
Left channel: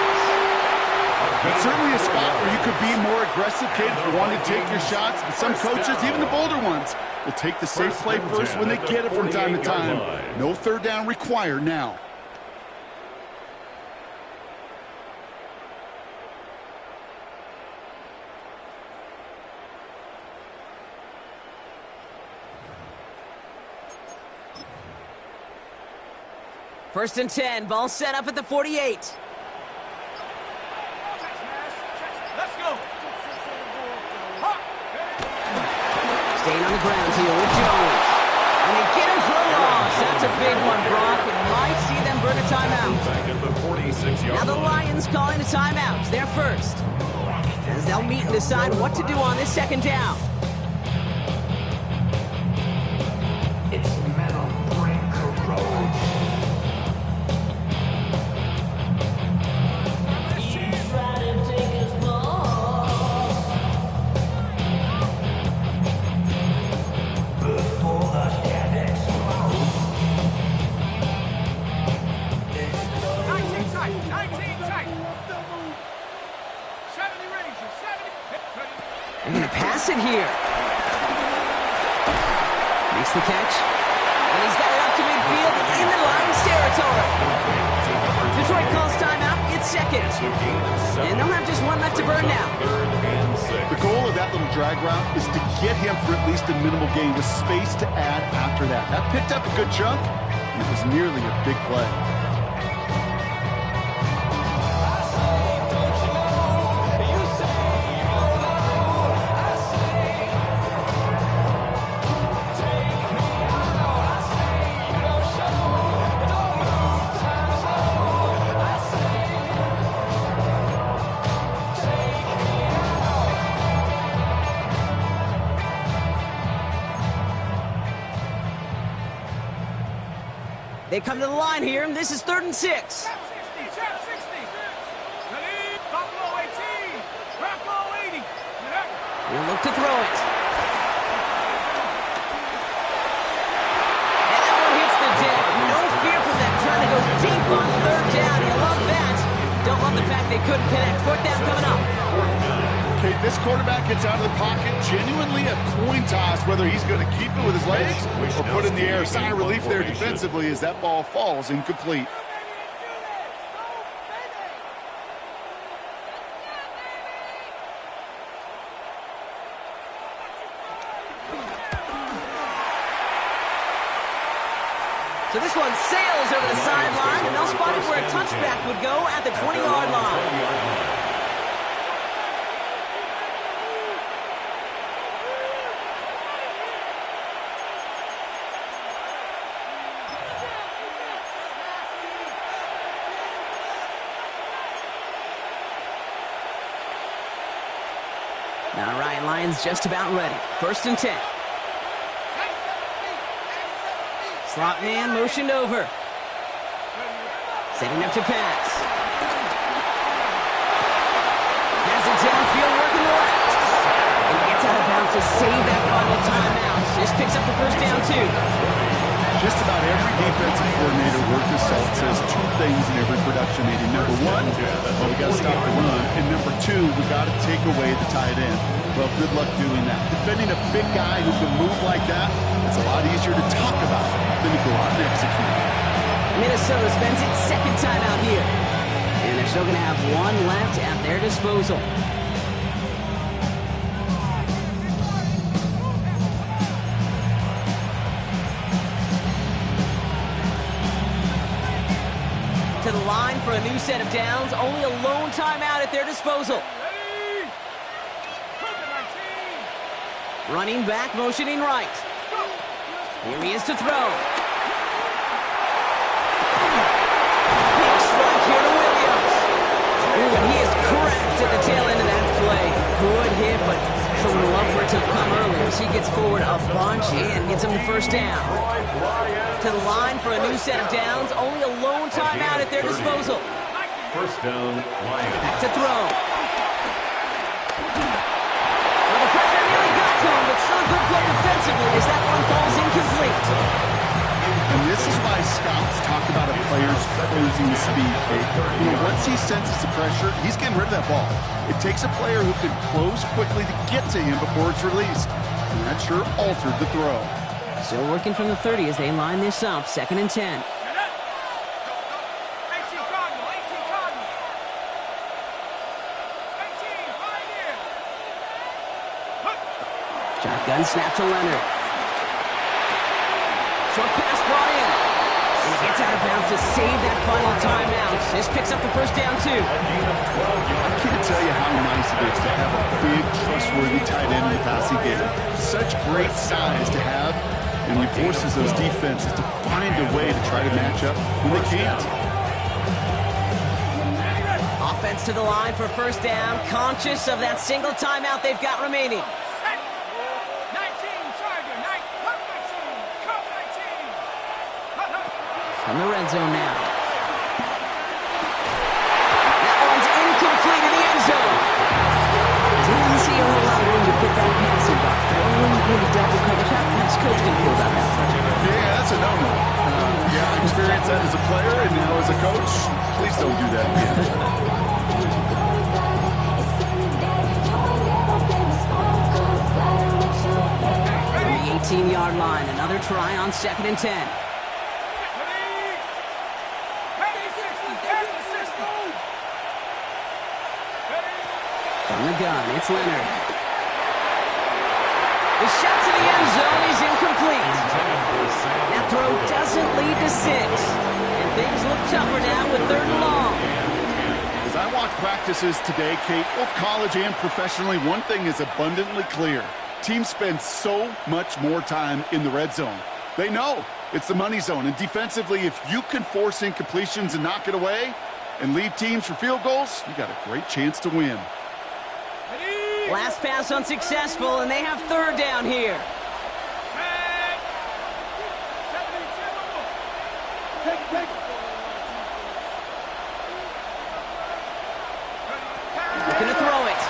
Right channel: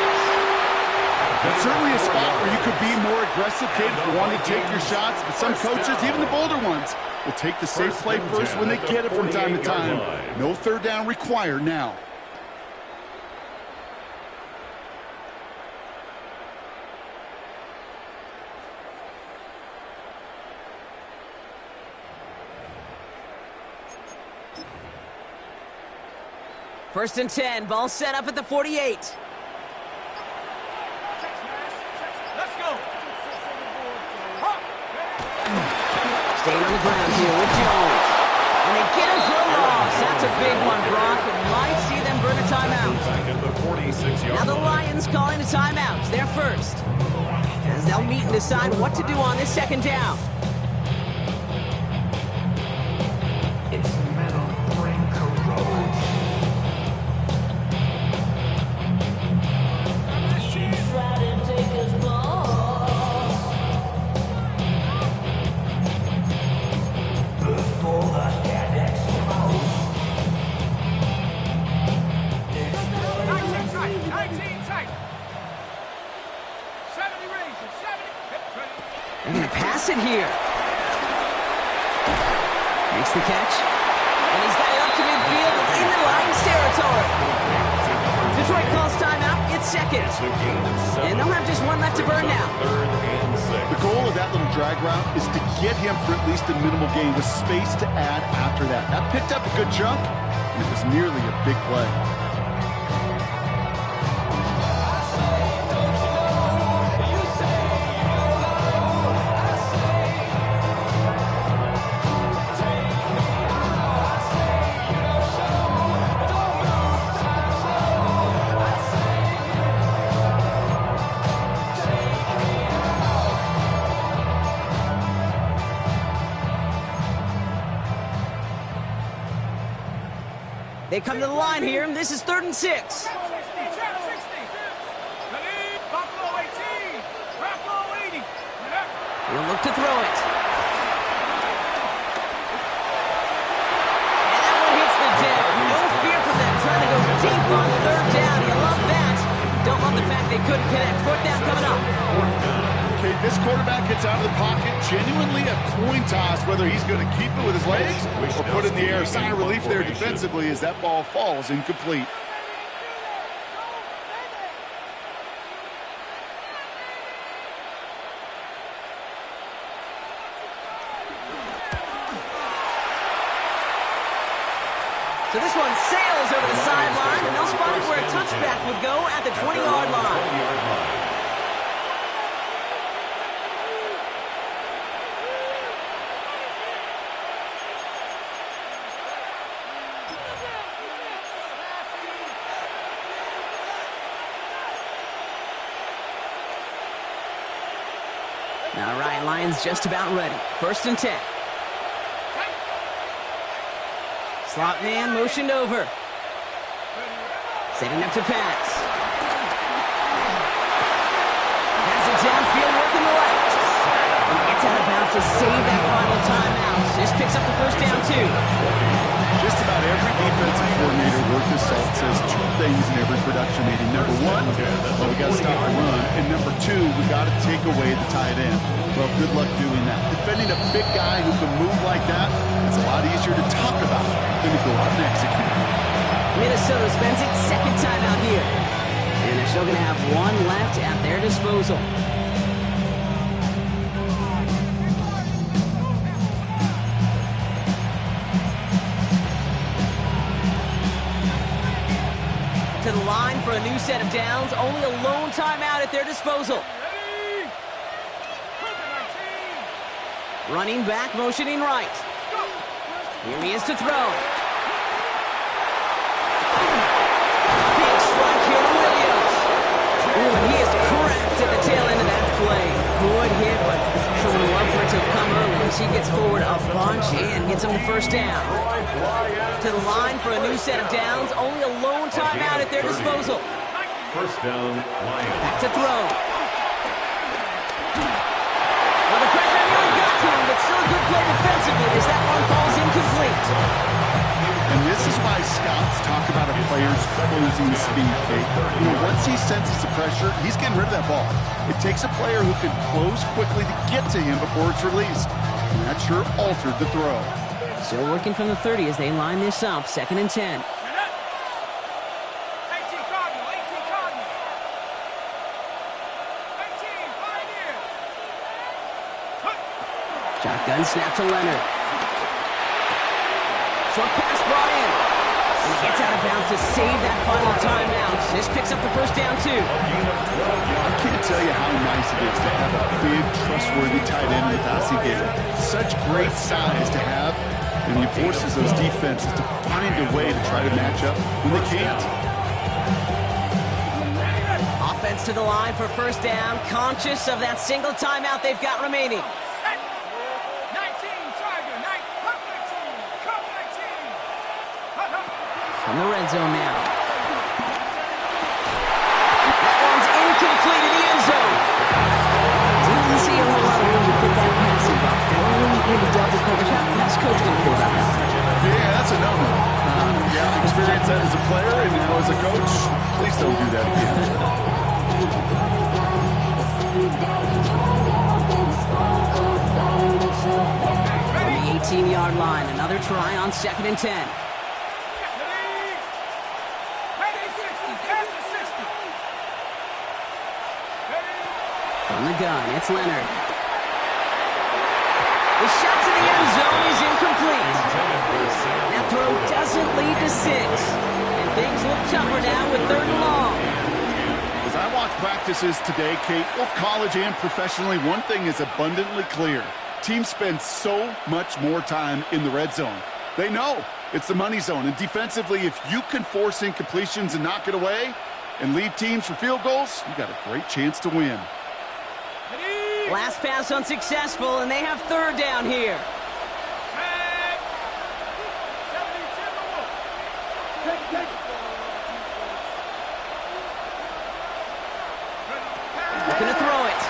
That's certainly a spot where you could be more aggressive, Kate, if you want to take your shots. But some coaches, even the bolder ones, will take the safe play first when they get it from time to time. No third down required now. First and 10, ball set up at the 48. Let's go. Staying on the ground here with Jones. And they get him for a loss. That's a big one, Brock. It might see them burn a timeout. Back at the 46-yard Now the Lions calling a timeout. They're first. As they'll meet and decide what to do on this second down. Its metal brain corrodes. range. 70. They're going to pass it here. Makes the catch. And he's got it up to midfield and into Lions territory. Detroit calls timeout. It's second. And they'll have just one left to burn now. The goal of that little drag route is to get him for at least a minimal gain with space to add after that. That picked up a good chunk, and it was nearly a big play. They come to the line here, and this is 3rd and 6. Trap 60. Trap 60. Khalid. Buffalo 18. Buffalo 80. He'll look to throw it. And that one hits the deck. No fear from them trying to go deep on 3rd down. You love that. Don't love the fact they couldn't connect. 4th down coming up. Okay, this quarterback gets out of the pocket. Genuinely a coin toss whether he's going to keep it with his legs or put it in the air. Sigh of relief there defensively as that ball falls incomplete. So this one sails over the sideline, and they'll spot it where a touchback would go at the 20-yard line. Now Ryan Lyons just about ready. 1st and 10. Slot man motioned over. Setting up to pass. Has it downfield, working the left. And he gets out of bounds to save that final timeout. Just picks up the 1st down, too. Just about every defensive coordinator worth his salt says 2 things in every production meeting. Number 1, well, we got to stop the run. And number 2, we got to take away the tight end. Well, good luck doing that. Defending a big guy who can move like that, it's a lot easier to talk about than to go out and execute. Minnesota spends its 2nd time out here. And they're still going to have 1 left at their disposal. To the line for a new set of downs. Only a lone timeout at their disposal. Ready? 19. Running back, motioning right. Here he is to throw. Big strike here to Williams. Ooh, and he is cracked at the tail end of that play. Good hit, but sure would love for it to have come earlier as he gets forward a bunch and gets him the 1st down. To the line for a new set of downs. Only a lone timeout at their disposal. 1st down, Lions. Back to throw. Well, the pressure nearly got to him, but still a good play defensively as that one falls incomplete. And this is why scouts talk about a player's closing speed, Kate. You know, once he senses the pressure, he's getting rid of that ball. It takes a player who can close quickly to get to him before it's released. And that sure altered the throw. Still working from the 30 as they line this up. 2nd and 10. 18 Cardinal. 18 Cardinal. 18 Pioneer. Shotgun snap to Leonard. Short pass brought in. And he gets out of bounds to save that final timeout. This picks up the 1st down, too. I can't tell you how nice it is to have a big, trustworthy tight end in the passing game. Such great size to have, and he forces those defenses to find a way to try to match up when they can't. Offense to the line for 1st down, conscious of that single timeout they've got remaining. 19 Tiger. 19. Come 19. From the red zone now. That one's incomplete in the end zone. Didn't see a whole lot of room to fit that passing box. Throwing into double coverage. How's coach going to feel about that? Yeah, that's a no-no. Yeah, I experienced that as a player, and now as a coach, please don't do that again. 18-yard line. Another try on 2nd and 10. From the gun, it's Leonard. The shot to the end zone is incomplete. That throw doesn't lead to 6. And things look tougher now with 3rd and long. As I watch practices today, Kate, both college and professionally, one thing is abundantly clear. Teams spend so much more time in the red zone. They know it's the money zone. And defensively, if you can force incompletions and knock it away and lead teams for field goals, you got a great chance to win. Last pass unsuccessful, and they have 3rd down here. Looking to throw it.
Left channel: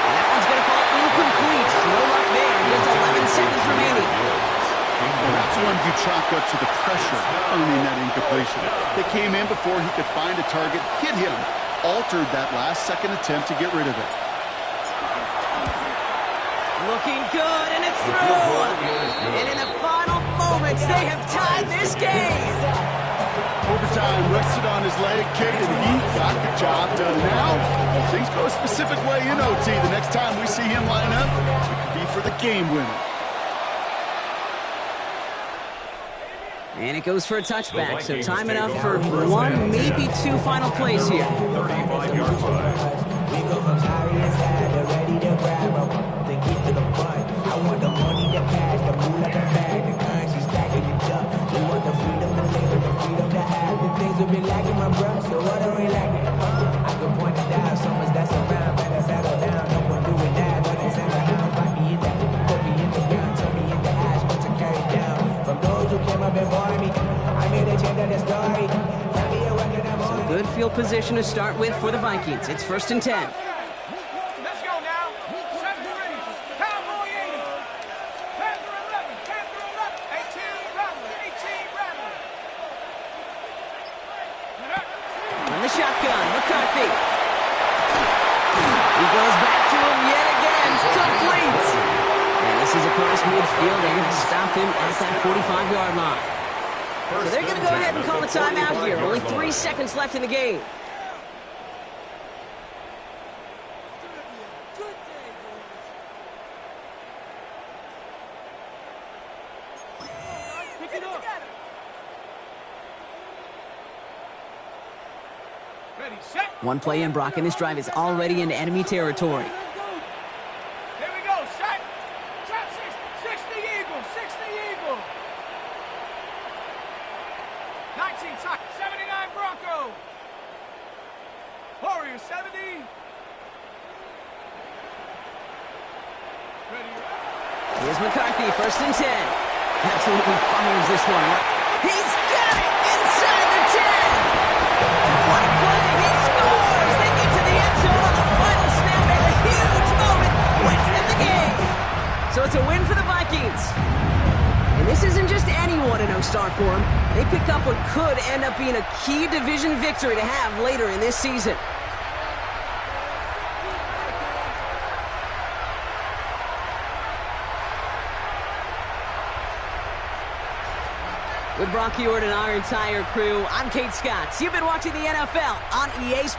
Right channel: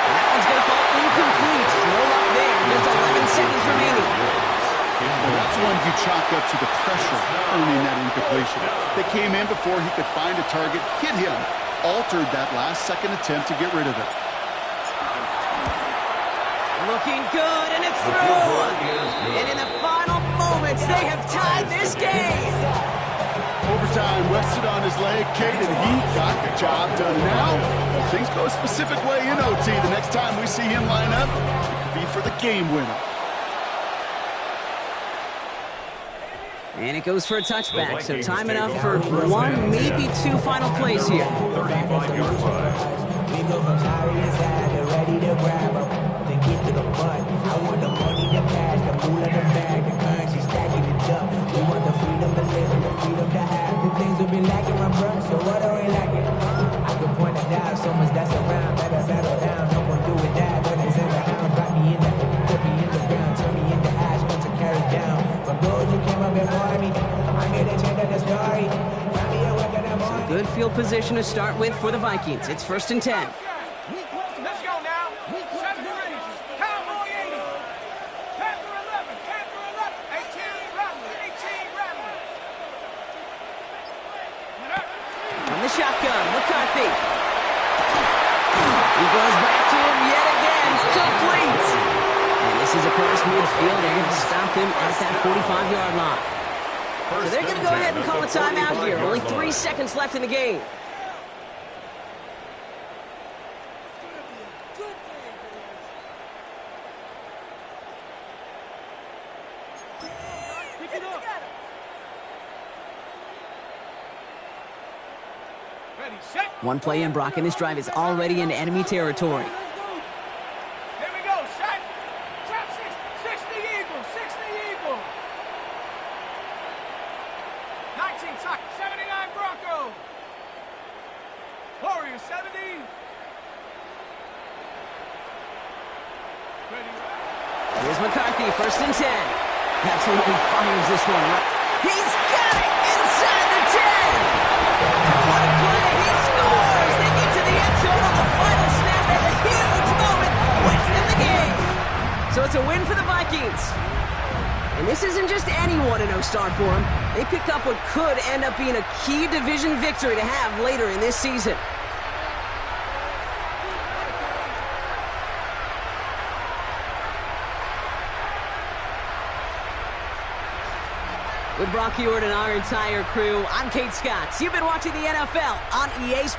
And that one's going to fall incomplete. No luck there. Just 11 seconds remaining. Well, that's one you chalk up to the pressure earning that incompletion. They came in before he could find a target, hit him, altered that last-second attempt to get rid of it. Looking good, and it's through. And in the final moments, they have tied this game. Overtime rested on his leg, Kate, and he got the job done. Now, if things go a specific way in OT, the next time we see him line up, it could be for the game winner. And it goes for a touchback, so time enough for 1, maybe 2 final plays here. 35-yard line. We go from sorry inside to ready to grab up, then get to the butt. I want the money, the cash, the moolah, the bag, the currency stacking it up. We want the freedom to live and the freedom to have. The things we've been lacking, my bruh, so what are we lacking? I could point it out, so much that's around. Better settle down, no one doing that. Don't they send the hound, bite me in the, put me in the ground, turn me into ash, once I carry down. From those who came up before me, I made a change of the story. So good field position to start with for the Vikings. It's 1st and 10. Let's go now. 7 range. Cowboy 80. Panther 11. Panther 11. 18 Rattler. 18 Rattler. From the shotgun, McCarthy. He goes back to him yet again. Complete. And this is across midfield. They're going to stop him at that 45-yard line. So they're going to go ahead and call a timeout here. Only 3 seconds left in the game. Ready, set. One play in, Brock, and this drive is already into enemy territory. Here we go, set. Trap 6 the Eagle, 6 the Eagle. 19 tuck, 79 Bronco. Warrior 70. Ready, right? Here's McCarthy, 1st and 10. Absolutely fires this one. He's got it inside the 10. What a play. He scores. They get to the end zone on the final snap, and a huge moment wins them the game. So it's a win for the Vikings. And this isn't just any 1-0 start for them. They pick up what could end up being a key division victory to have later in this season. With Brock Ewart and our entire crew, I'm Kate Scott. You've been watching the NFL on EA Sports.